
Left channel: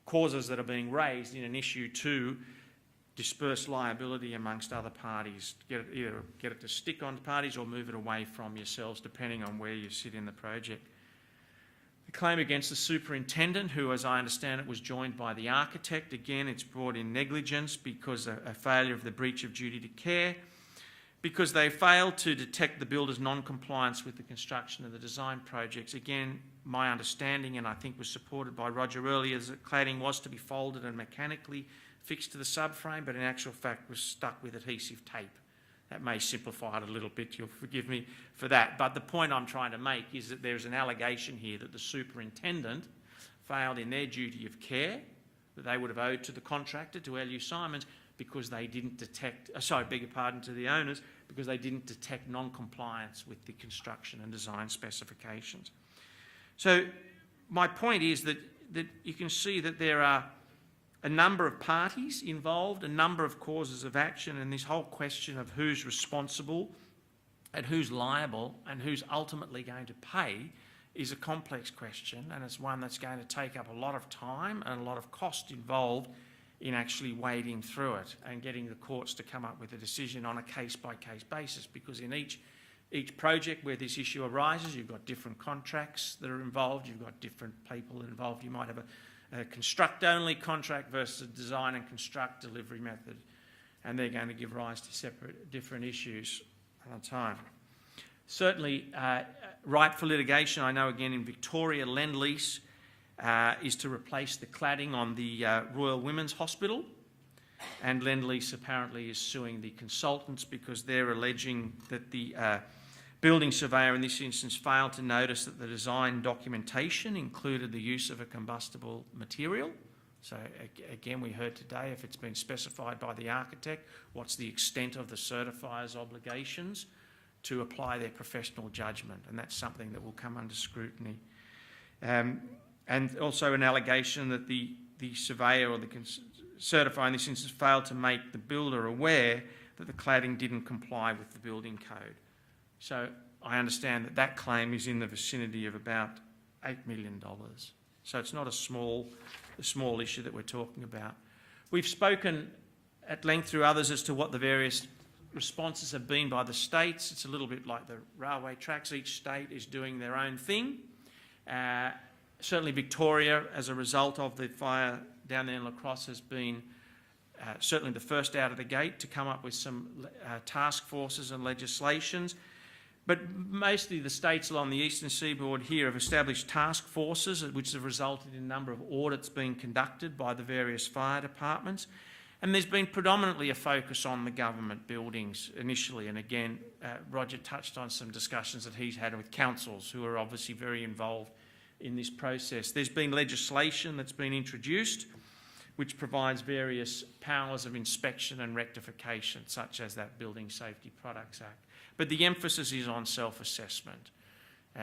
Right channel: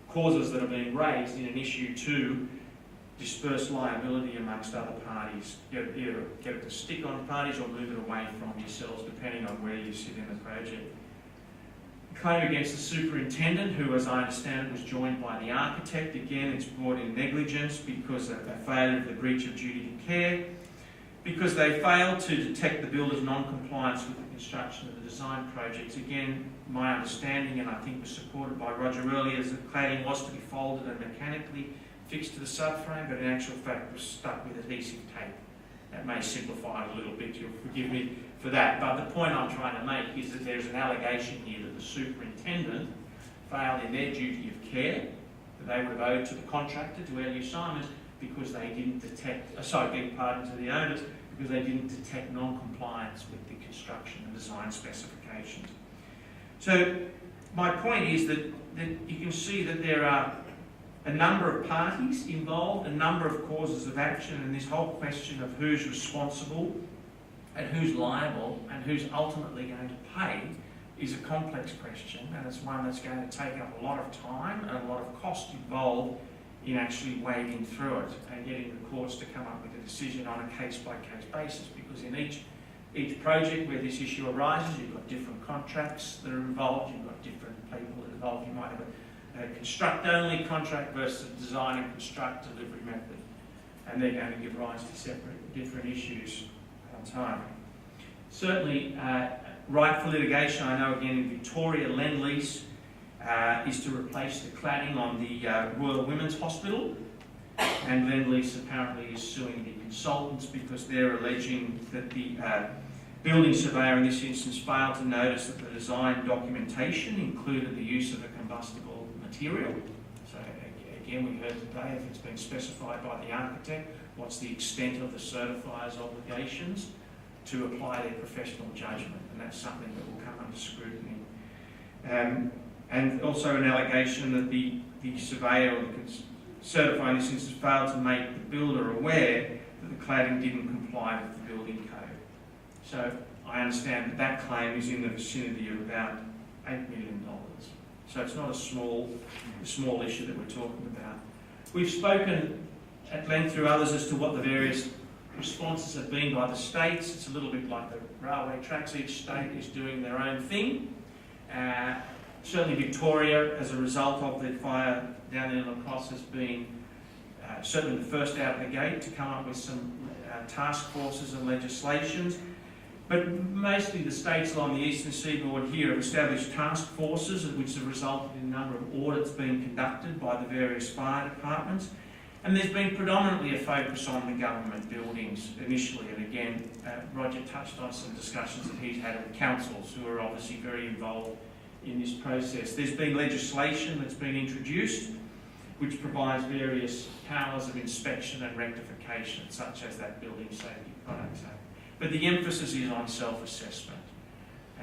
causes that are being raised in an issue to disperse liability amongst other parties, either get it to stick on parties or move it away from yourselves, depending on where you sit in the project. Claim against the superintendent, who, as I understand it, was joined by the architect. Again, it's brought in negligence because of a failure of the breach of duty to care, because they failed to detect the builder's non-compliance with the construction of the design projects. Again, my understanding, and I think was supported by Roger earlier, is that cladding was to be folded and mechanically fixed to the subframe, but in actual fact was stuck with adhesive tape. That may simplify it a little bit, you'll forgive me for that, but the point I'm trying to make is that there's an allegation here that the superintendent failed in their duty of care that they would have owed to the contractor, to Early Simon, because they didn't detect, beg pardon, to the owners, because they didn't detect non-compliance with the construction and design specifications. So my point is that you can see that there are a number of parties involved, a number of causes of action, and this whole question of who's responsible and who's liable and who's ultimately going to pay is a complex question, and it's one that's going to take up a lot of time and a lot of cost involved in actually wading through it and getting the courts to come up with a decision on a case-by-case basis, because in each project where this issue arises, you've got different contracts that are involved, you've got different people involved. You might have a construct-only contract versus a design and construct delivery method, and they're going to give rise to different issues at a time. Certainly, right for litigation, I know again in Victoria, Lend-Lease is to replace the cladding on the Royal Women's Hospital, and Lend-Lease apparently is suing the consultants because they're alleging that the building surveyor in this instance failed to notice that the design documentation included the use of a combustible material. So again, we heard today, if it's been specified by the architect, what's the extent of the certifier's obligations to apply their professional judgment, and that's something that will come under scrutiny. And also an allegation that the surveyor or the certifier in this instance failed to make the builder aware that the cladding didn't comply with the building code. So I understand that that claim is in the vicinity of about $8 million. So it's not a small issue that we're talking about. We've spoken at length through others as to what the various responses have been by the states. It's a little bit like the railway tracks. Each state is doing their own thing. Certainly Victoria, as a result of the fire down there in La Crosse, has been certainly the first out of the gate to come up with some task forces and legislations. But mostly the states along the eastern seaboard here have established task forces, which have resulted in a number of audits being conducted by the various fire departments. And there's been predominantly a focus on the government buildings initially, and again, Roger touched on some discussions that he's had with councils who are obviously very involved in this process. There's been legislation that's been introduced which provides various powers of inspection and rectification, such as that Building Safety Products Act. But the emphasis is on self-assessment.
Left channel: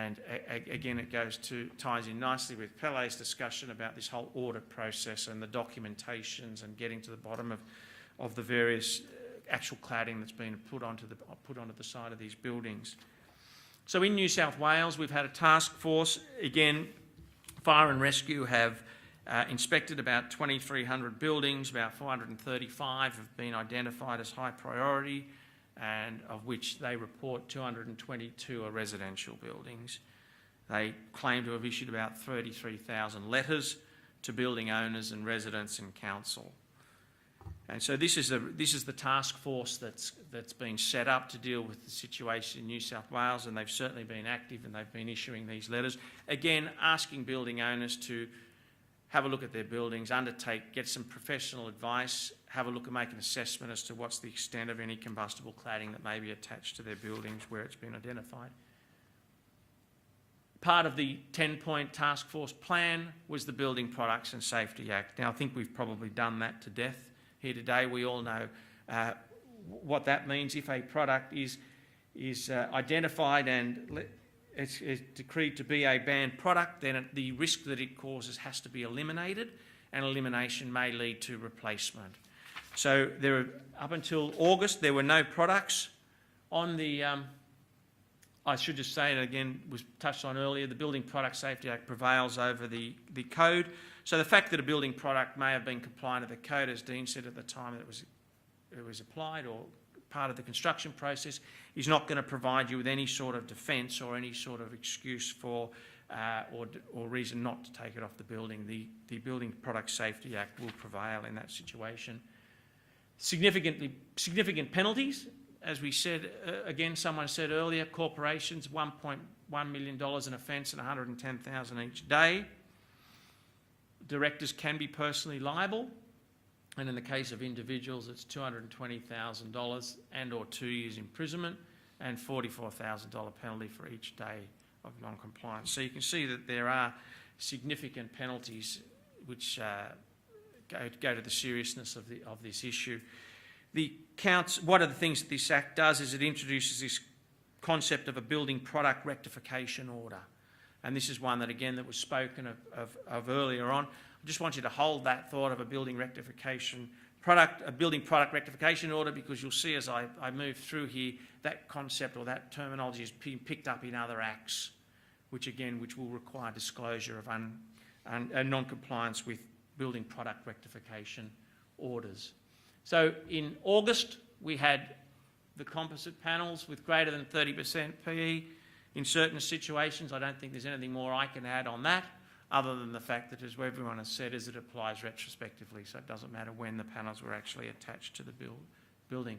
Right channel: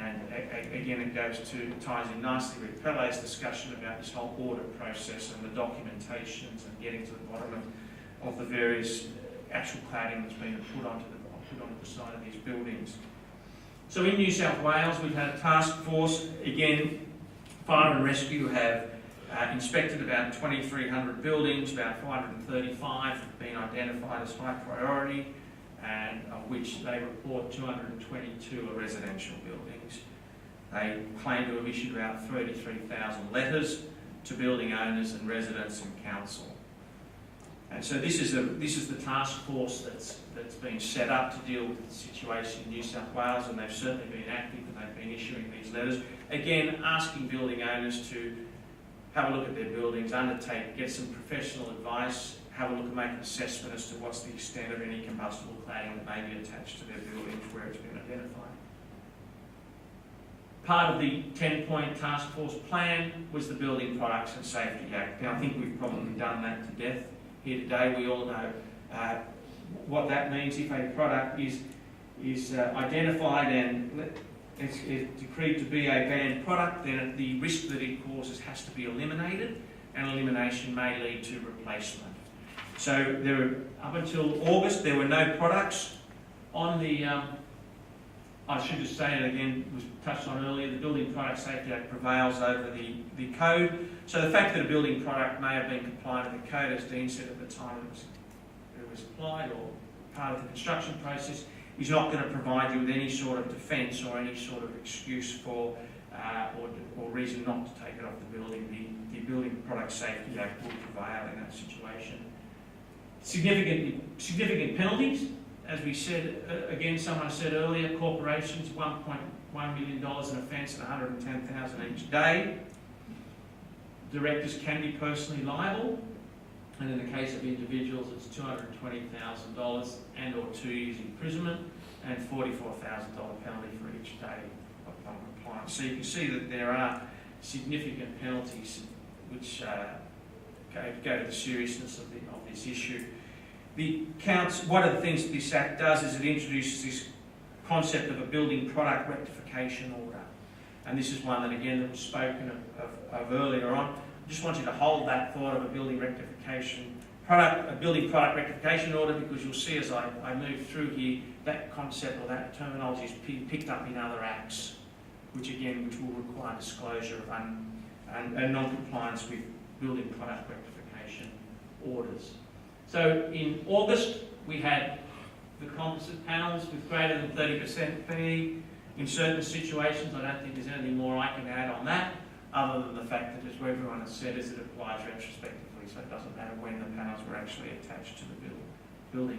And again, it ties in nicely with Pelle's discussion about this whole audit process and the documentations and getting to the bottom of the various actual cladding that's been put onto the side of these buildings. So in New South Wales, we've had a task force. Again, Fire and Rescue have inspected about 2,300 buildings, about 535 have been identified as high priority, and of which they report 222 are residential buildings. They claim to have issued about 33,000 letters to building owners and residents and council. And so this is the task force that's been set up to deal with the situation in New South Wales, and they've certainly been active and they've been issuing these letters. Again, asking building owners to have a look at their buildings, get some professional advice, have a look and make an assessment as to what's the extent of any combustible cladding that may be attached to their buildings where it's been identified. Part of the 10-point task force plan was the Building Products and Safety Act. Now, I think we've probably done that to death here today. We all know what that means if a product is identified and it's decreed to be a banned product, then the risk that it causes has to be eliminated, and elimination may lead to replacement. So up until August, there were no products on the, I should just say it again, was touched on earlier, the Building Product Safety Act prevails over the code. So the fact that a building product may have been compliant with the code, as Dean said at the time it was applied or part of the construction process, is not going to provide you with any sort of defence or any sort of excuse for or reason not to take it off the building. The Building Product Safety Act will prevail in that situation. Significant penalties, as we said, again, someone said earlier, corporations, $1.1 million an offence and $110,000 each day. Directors can be personally liable, and in the case of individuals, it's $220,000 and or 2 years imprisonment and $44,000 penalty for each day of non-compliance. So you can see that there are significant penalties which go to the seriousness of this issue. One of the things that this Act does is it introduces this concept of a building product rectification order. And this is one that, again, that was spoken of earlier on. I just want you to hold that thought of a building product rectification order, because you'll see as I move through here, that concept or that terminology is picked up in other acts, which will require disclosure of non-compliance with building product rectification orders. So in August, we had the composite panels with greater than 30% P. In certain situations, I don't think there's anything more I can add on that, other than the fact that, as everyone has said, is it applies retrospectively, so it doesn't matter when the panels were actually attached to the building.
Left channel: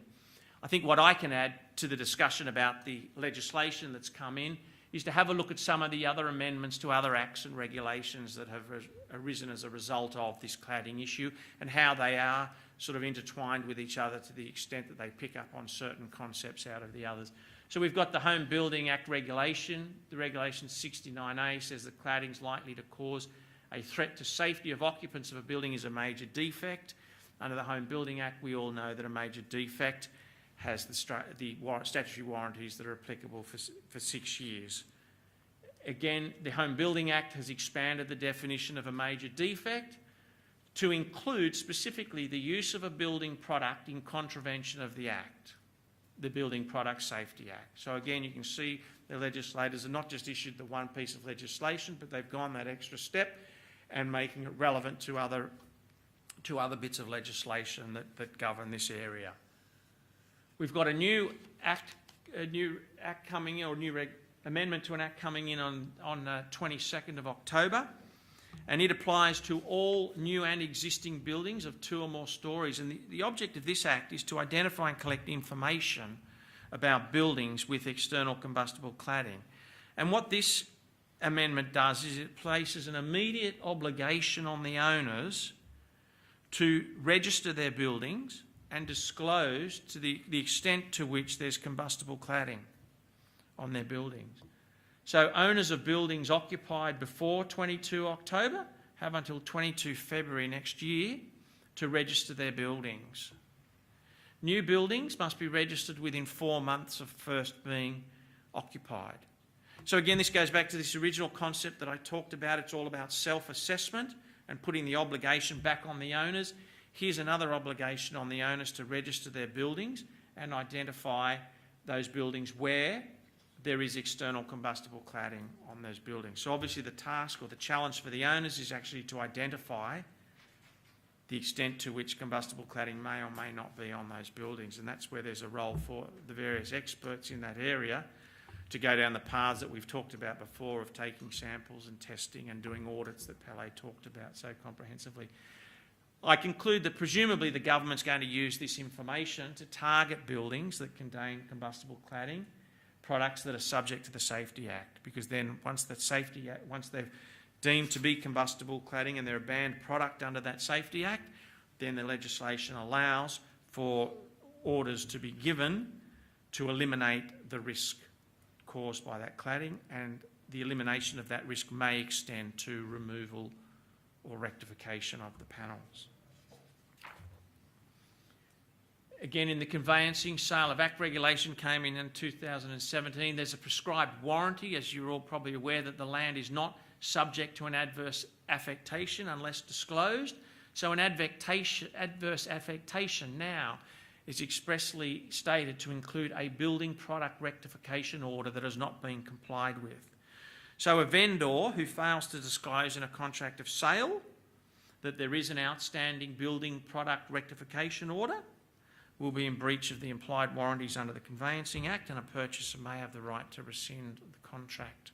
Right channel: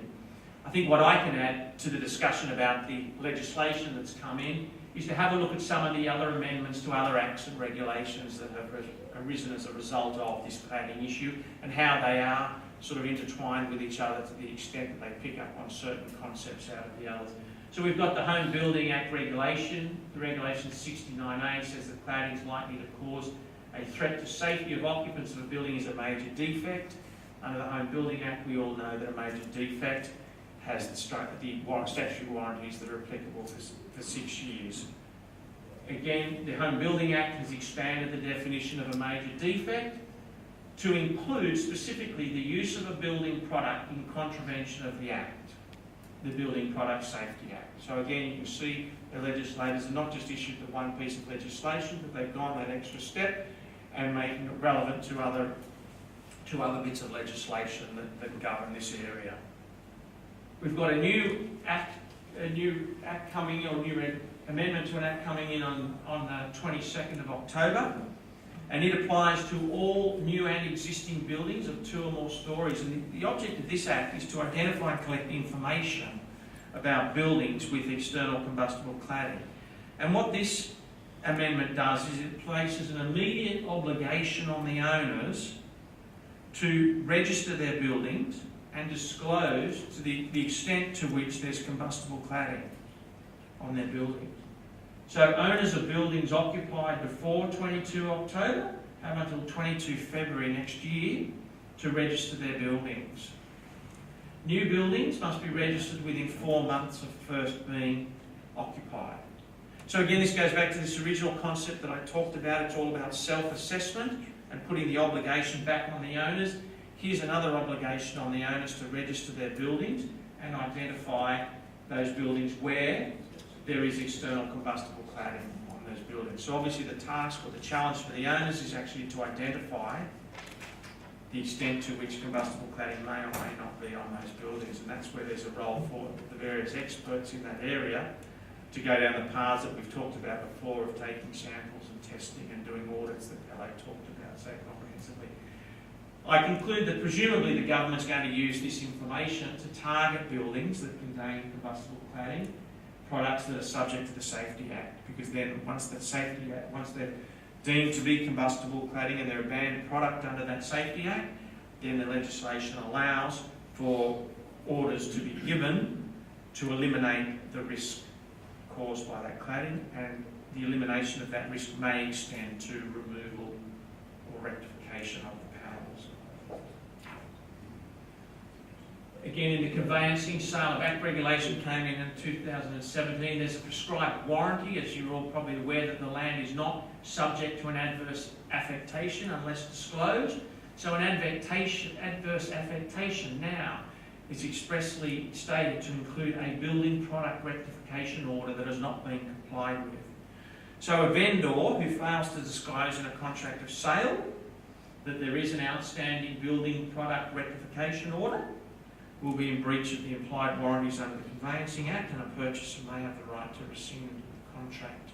I think what I can add to the discussion about the legislation that's come in is to have a look at some of the other amendments to other acts and regulations that have arisen as a result of this cladding issue, and how they are sort of intertwined with each other to the extent that they pick up on certain concepts out of the others. So we've got the Home Building Act regulation. The regulation 69A says that cladding is likely to cause a threat to safety of occupants if a building is a major defect. Under the Home Building Act, we all know that a major defect has the statutory warranties that are applicable for 6 years. Again, the Home Building Act has expanded the definition of a major defect to include specifically the use of a building product in contravention of the Act, the Building Product Safety Act. So again, you can see the legislators have not just issued the one piece of legislation, but they've gone that extra step and making it relevant to other bits of legislation that govern this area. We've got a new act coming in, or a new amendment to an act coming in on 22nd of October. And it applies to all new and existing buildings of 2 or more stories. And the object of this Act is to identify and collect information about buildings with external combustible cladding. And what this amendment does is it places an immediate obligation on the owners to register their buildings and disclose to the extent to which there's combustible cladding on their buildings. So owners of buildings occupied before 22 October have until 22 February next year to register their buildings. New buildings must be registered within 4 months of first being occupied. So again, this goes back to this original concept that I talked about. It's all about self-assessment and putting the obligation back on the owners. Here's another obligation on the owners to register their buildings and identify those buildings where there is external combustible cladding on those buildings. So obviously the task or the challenge for the owners is actually to identify the extent to which combustible cladding may or may not be on those buildings, and that's where there's a role for the various experts in that area to go down the paths that we've talked about before of taking samples and testing and doing audits that Pele talked about so comprehensively. I conclude that presumably the government's going to use this information to target buildings that contain combustible cladding products that are subject to the Safety Act, because then once they're deemed to be combustible cladding and they're a banned product under that Safety Act, then the legislation allows for orders to be given to eliminate the risk caused by that cladding, and the elimination of that risk may extend to removal or rectification of the panels. Again, in the conveyancing, sale of act regulation came in 2017. There's a prescribed warranty, as you're all probably aware, that the land is not subject to an adverse affectation unless disclosed. So an adverse affectation now is expressly stated to include a building product rectification order that has not been complied with. So a vendor who fails to disclose in a contract of sale that there is an outstanding building product rectification order will be in breach of the implied warranties under the Conveyancing Act, and a purchaser may have the right to rescind the contract.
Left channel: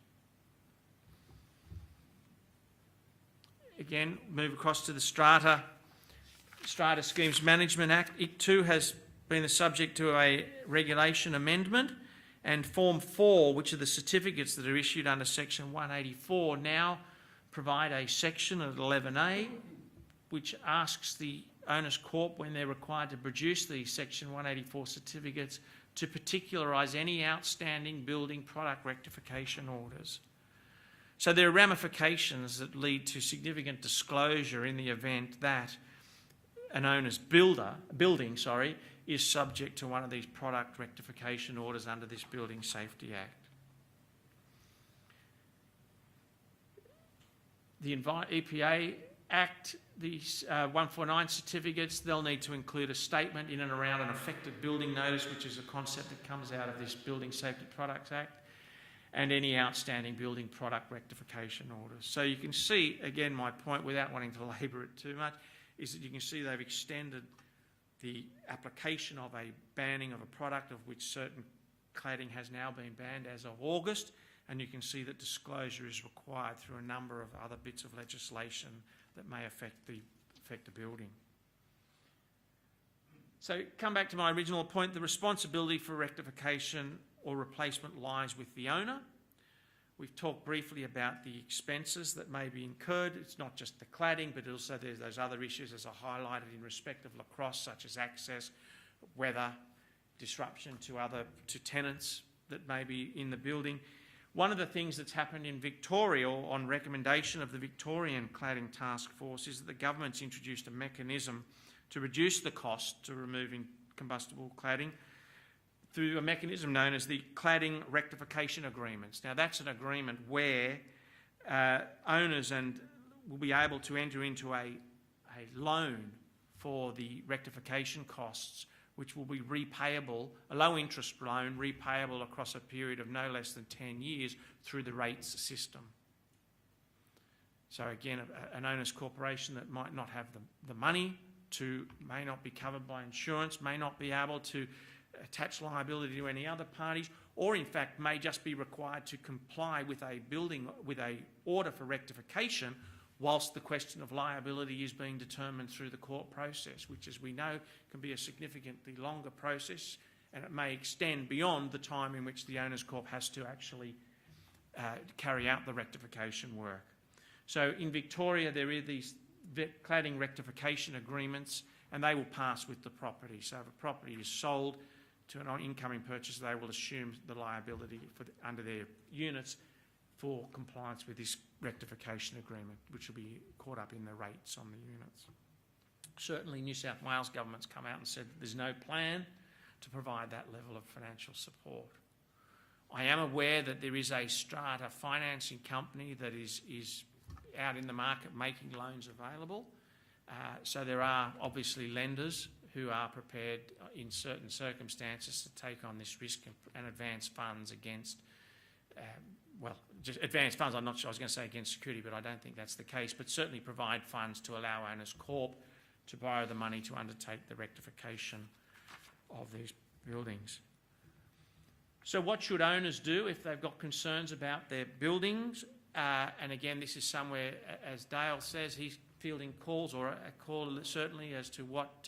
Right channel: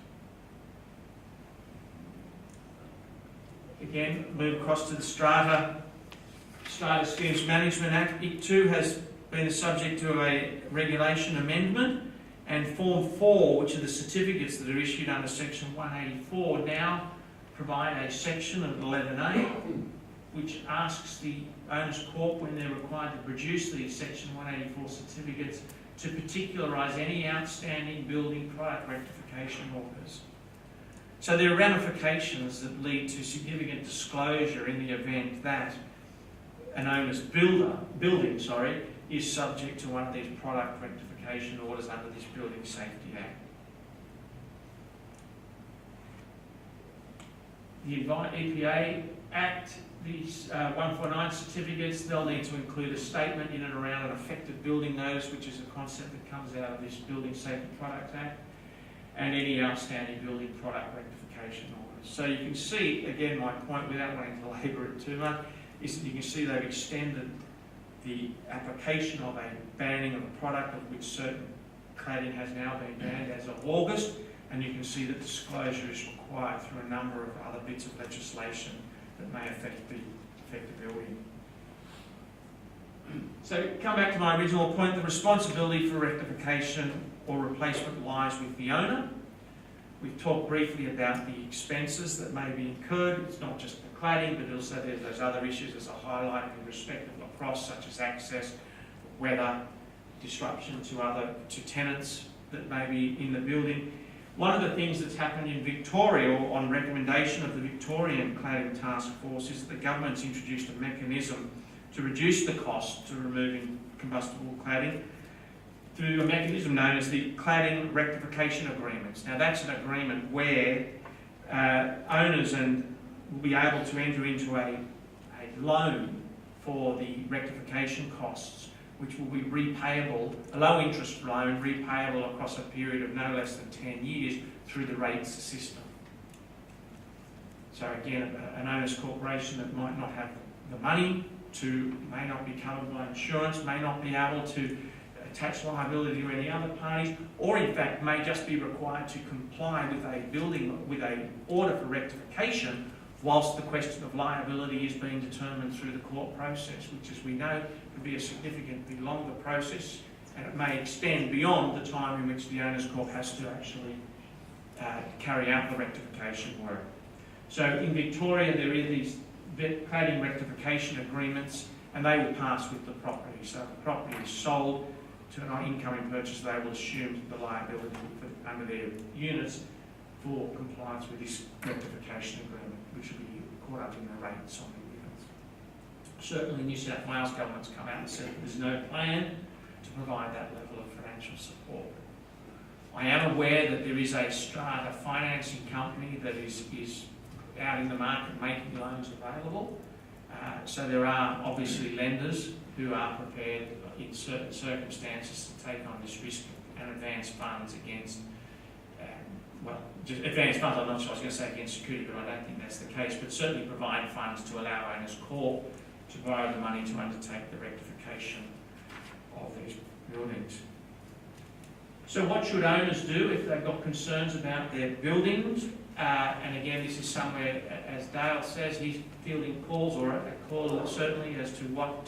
Again, move across to the Strata Schemes Management Act. It too has been the subject to a regulation amendment, and Form 4, which are the certificates that are issued under Section 184, now provide a section of 11A which asks the Owners Corp, when they're required to produce these Section 184 certificates, to particularise any outstanding building product rectification orders. So there are ramifications that lead to significant disclosure in the event that an owner's building is subject to one of these product rectification orders under this Building Safety Act. The EPA Act, these 149 certificates, they'll need to include a statement in and around an affected building notice, which is a concept that comes out of this Building Safety Products Act, and any outstanding building product rectification orders. So you can see, again, my point, without wanting to labour it too much, is that you can see they've extended the application of a banning of a product of which certain cladding has now been banned as of August, and you can see that disclosure is required through a number of other bits of legislation that may affect the building. So come back to my original point, the responsibility for rectification or replacement lies with the owner. We've talked briefly about the expenses that may be incurred. It's not just the cladding, but also there's those other issues as I highlighted in respect of lacrosse, such as access, weather, disruption to tenants that may be in the building. One of the things that's happened in Victoria, on recommendation of the Victorian Cladding Task Force, is that the government's introduced a mechanism to reduce the cost to removing combustible cladding through a mechanism known as the Cladding Rectification Agreements. Now that's an agreement where owners will be able to enter into a loan for the rectification costs, which will be repayable, a low interest loan repayable across a period of no less than 10 years through the rates system. So again, an owner's corporation that might not have the money may not be covered by insurance, may not be able to attach liability to any other parties, or in fact may just be required to comply with a order for rectification, whilst the question of liability is being determined through the court process, which, as we know, can be a significantly longer process, and it may extend beyond the time in which the Owners Corp has to actually carry out the rectification work. So in Victoria, there are these cladding rectification agreements, and they will pass with the property. So if the property is sold to an incoming purchaser, they will assume the liability under their units for compliance with this rectification agreement, which will be caught up in the rates on the units. Certainly New South Wales government's come out and said there's no plan to provide that level of financial support. I am aware that there is a strata financing company that is out in the market making loans available. So there are obviously lenders who are prepared in certain circumstances to take on this risk and advance funds against just advanced funds, I'm not sure I was going to say against security, but I don't think that's the case, but certainly provide funds to allow Owners Corp to borrow the money to undertake the rectification of these buildings. So what should owners do if they've got concerns about their buildings? And again, this is somewhere, as Dale says, he's fielding calls, or a call certainly as to what,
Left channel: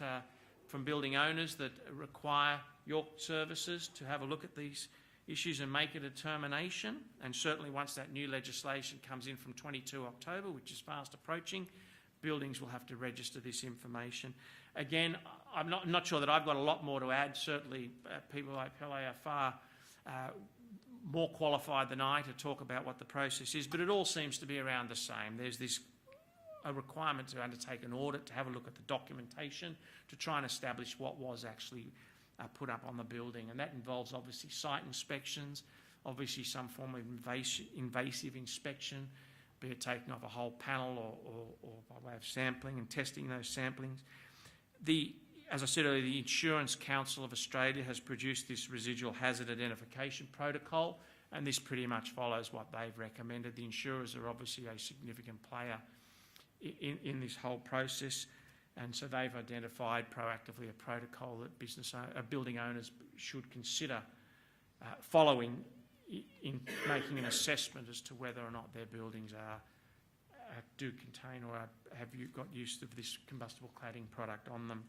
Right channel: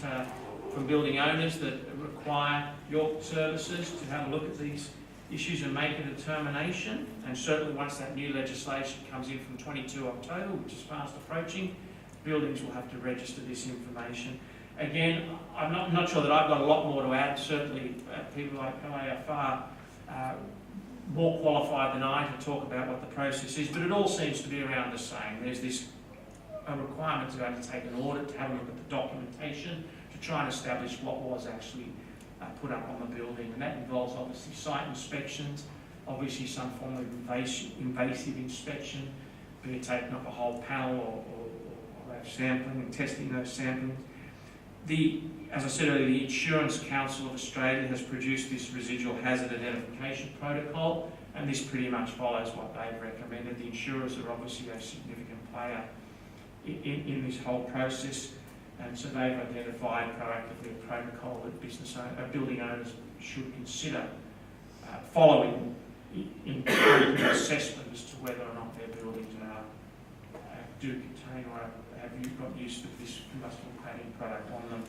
from building owners that require your services to have a look at these issues and make a determination. And certainly once that new legislation comes in from 22 October, which is fast approaching, buildings will have to register this information. Again, I'm not sure that I've got a lot more to add. Certainly people like I are far more qualified than I to talk about what the process is, but it all seems to be around the same. There's a requirement to undertake an audit, to have a look at the documentation, to try and establish what was actually put up on the building. And that involves obviously site inspections, obviously some form of invasive inspection, be it taking off a whole panel or sampling and testing those samplings. As I said earlier, the Insurance Council of Australia has produced this residual hazard identification protocol, and this pretty much follows what they've recommended. The insurers are obviously a significant player in this whole process, and so they've identified proactively a protocol that building owners should consider following in an assessment as to whether or not their buildings do contain or have got use of this combustible cladding product on them.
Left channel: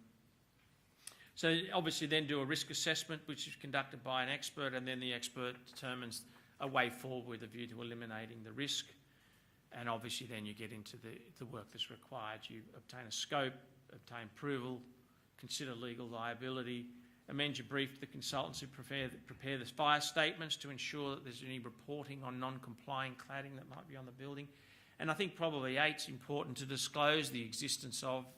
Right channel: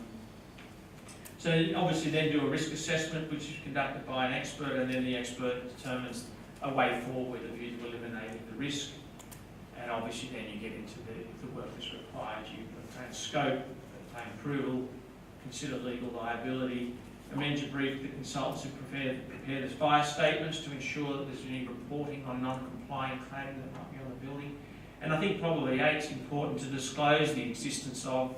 So obviously then do a risk assessment, which is conducted by an expert, and then the expert determines a way forward with a view to eliminating the risk. And obviously then you get into the work that's required. You obtain a scope, obtain approval, consider legal liability, amend your brief to the consultants who prepare the fire statements to ensure that there's any reporting on non-compliant cladding that might be on the building. And I think probably it's important to disclose the existence of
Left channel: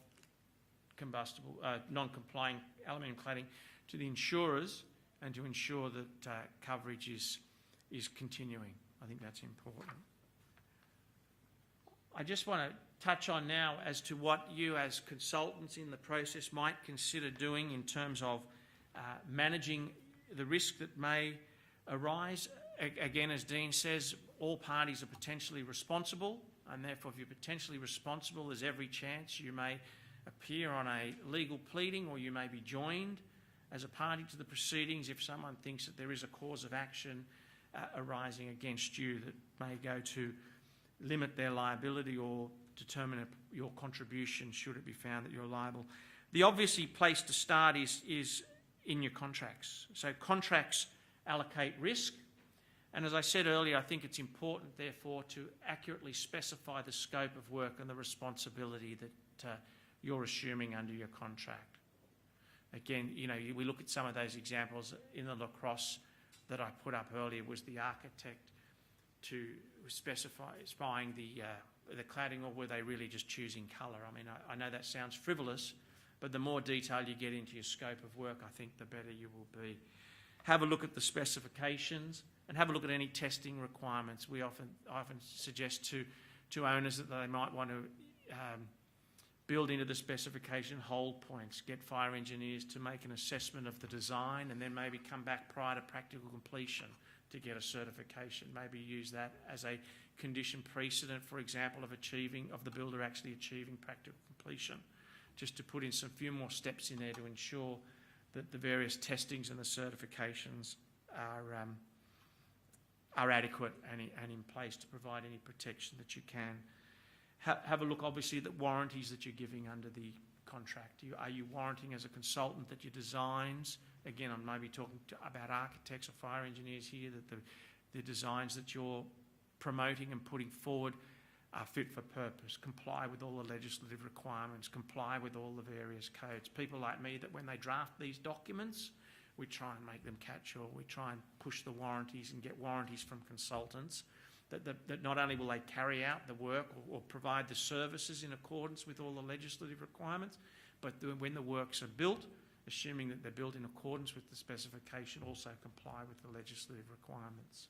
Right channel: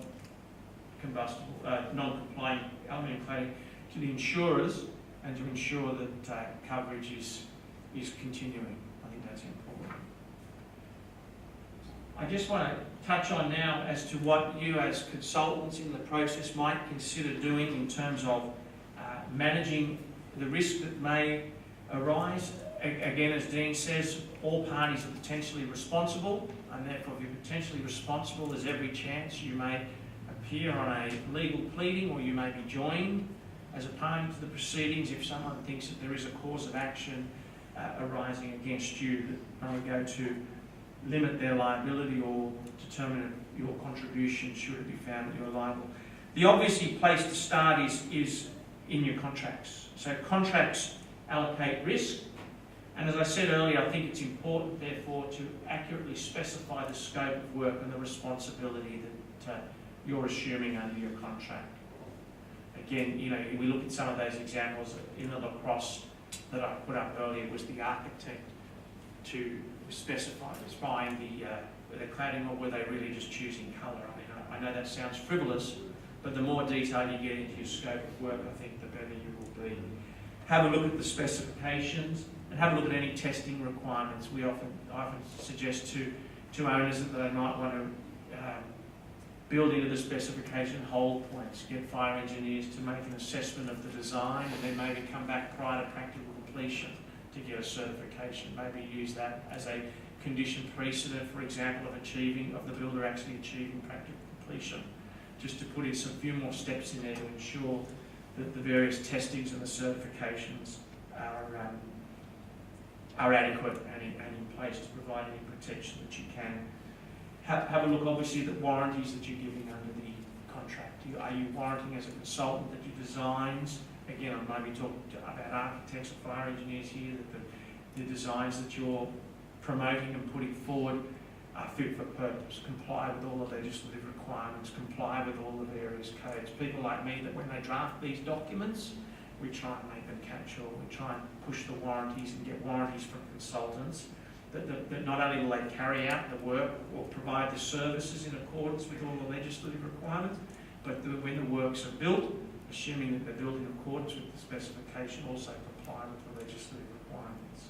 combustible, non-compliant aluminium cladding to the insurers, and to ensure that coverage is continuing. I think that's important. I just want to touch on now as to what you as consultants in the process might consider doing in terms of managing the risk that may arise. Again, as Dean says, all parties are potentially responsible, and therefore if you're potentially responsible, there's every chance you may appear on a legal pleading, or you may be joined as a party to the proceedings if someone thinks that there is a cause of action arising against you that may go to limit their liability or determine your contribution should it be found that you're liable. The obvious place to start is in your contracts. So contracts allocate risk, and as I said earlier, I think it's important therefore to accurately specify the scope of work and the responsibility that you're assuming under your contract. Again, we look at some of those examples in the lacrosse that I put up earlier. Was the architect to specify the cladding, or were they really just choosing colour? I mean, I know that sounds frivolous, but the more detail you get into your scope of work, I think the better you will be. Have a look at the specifications and have a look at any testing requirements. I often suggest to owners that they might want to build into the specification hold points, get fire engineers to make an assessment of the design, and then maybe come back prior to practical completion to get a certification. Maybe use that as a condition precedent, for example, of the builder actually achieving practical completion, just to put in some few more steps in there to ensure that the various testings and the certifications are adequate and in place to provide any protection that you can. Have a look, obviously, at the warranties that you're giving under the contract. Are you warranting as a consultant that your designs, again, I might be talking about architects or fire engineers here, that the designs that you're promoting and putting forward are fit for purpose, comply with all the legislative requirements, comply with all the various codes. People like me, that when they draft these documents, we try and make them catch-all. We try and push the warranties and get warranties from consultants that not only will they carry out the work or provide the services in accordance with all the legislative requirements, but when the works are built, assuming that they're built in accordance with the specification, also comply with the legislative requirements.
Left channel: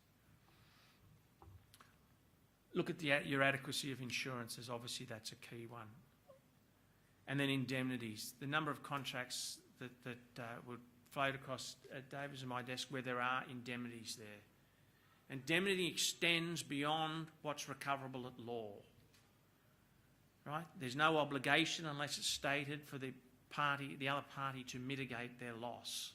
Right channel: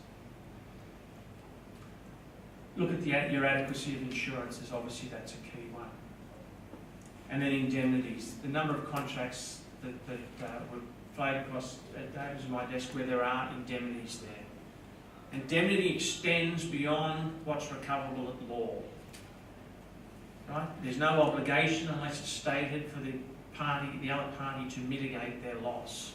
Look at your adequacy of insurances. Obviously that's a key one. And then indemnities. The number of contracts that were floated across David's and my desk where there are indemnities there. Indemnity extends beyond what's recoverable at law. Right? There's no obligation unless it's stated for the other party to mitigate their loss.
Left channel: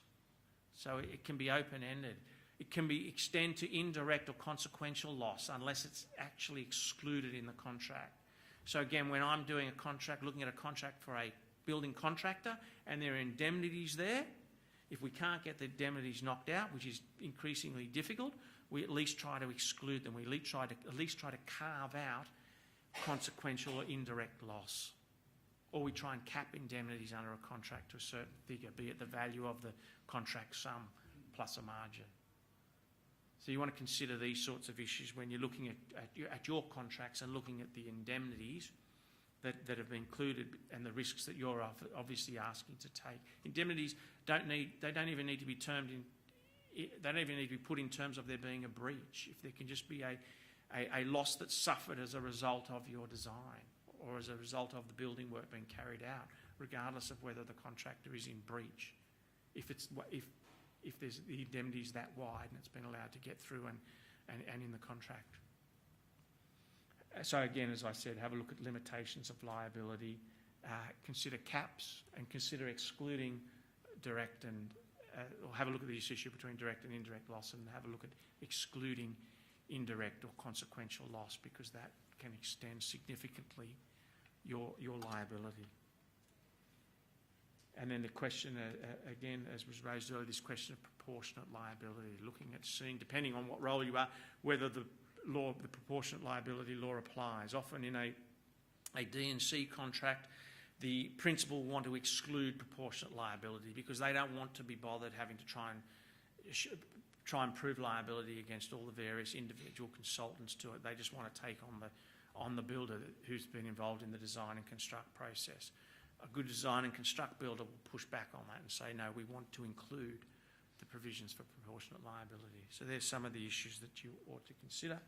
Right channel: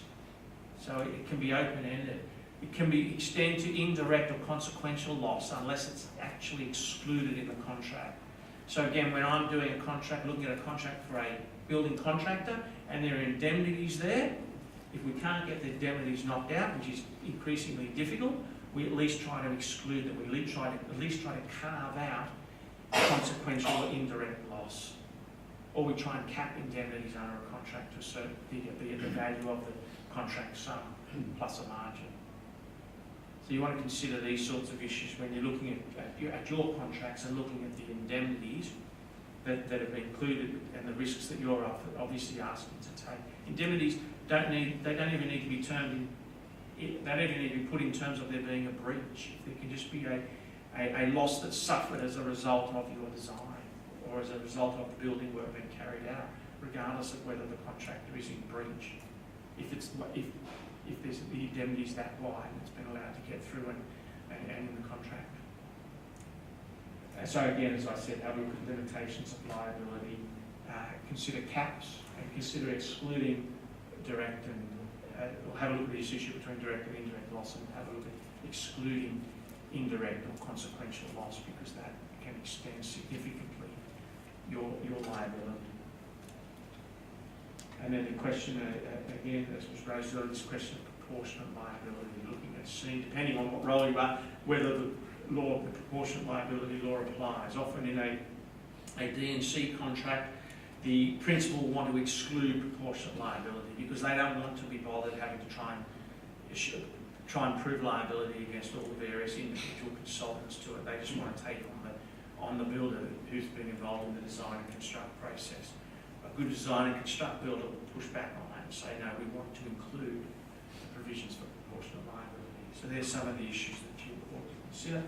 So it can be open-ended. It can be extend to indirect or consequential loss unless it's actually excluded in the contract. So again, when I'm doing a contract, looking at a contract for a building contractor, and there are indemnities there, if we can't get the indemnities knocked out, which is increasingly difficult, we at least try to exclude them. We at least try to carve out consequential or indirect loss. Or we try and cap indemnities under a contract to a certain figure, be it the value of the contract sum plus a margin. So you want to consider these sorts of issues when you're looking at your contracts and looking at the indemnities that have been included and the risks that you're obviously asking to take. Indemnities don't even need to be termed in, they don't even need to be put in terms of there being a breach. There can just be a loss that's suffered as a result of your design or as a result of the building work being carried out, regardless of whether the contractor is in breach. If there's the indemnity is that wide, it's been allowed to get through and in the contract. So again, as I said, have a look at limitations of liability, consider caps, and consider excluding direct and, or have a look at this issue between direct and indirect loss, and have a look at excluding indirect or consequential loss, because that can extend significantly your liability. And then the question, again, as was raised earlier, this question of proportionate liability, looking at seeing, depending on what role you are, whether the proportionate liability law applies. Often in a D&C contract, the principal want to exclude proportionate liability because they don't want to be bothered having to try and prove liability against all the various individual consultants to it. They just want to take on the builder who's been involved in the design and construct process. A good design and construct builder will push back on that and say, no, we want to include the provisions for proportionate liability. So there's some of the issues that you ought to consider.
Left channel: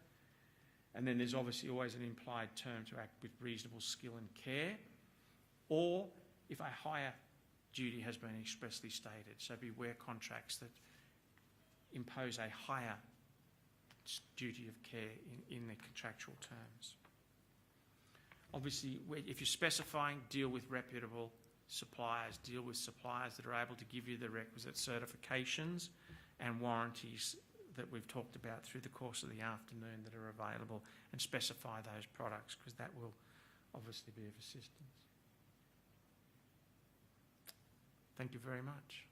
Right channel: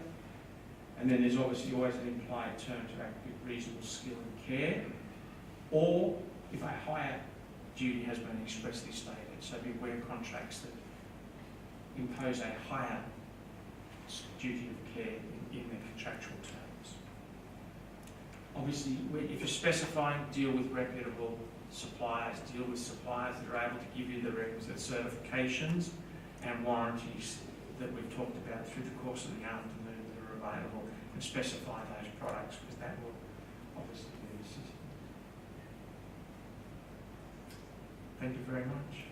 And then there's obviously always an implied term to act with reasonable skill and care, or if a higher duty has been expressly stated. So beware contracts that impose a higher duty of care in their contractual terms. Obviously, if you're specifying, deal with reputable suppliers, deal with suppliers that are able to give you the requisite certifications and warranties that we've talked about through the course of the afternoon that are available, and specify those products, because that will obviously be assistant. Thank you very much.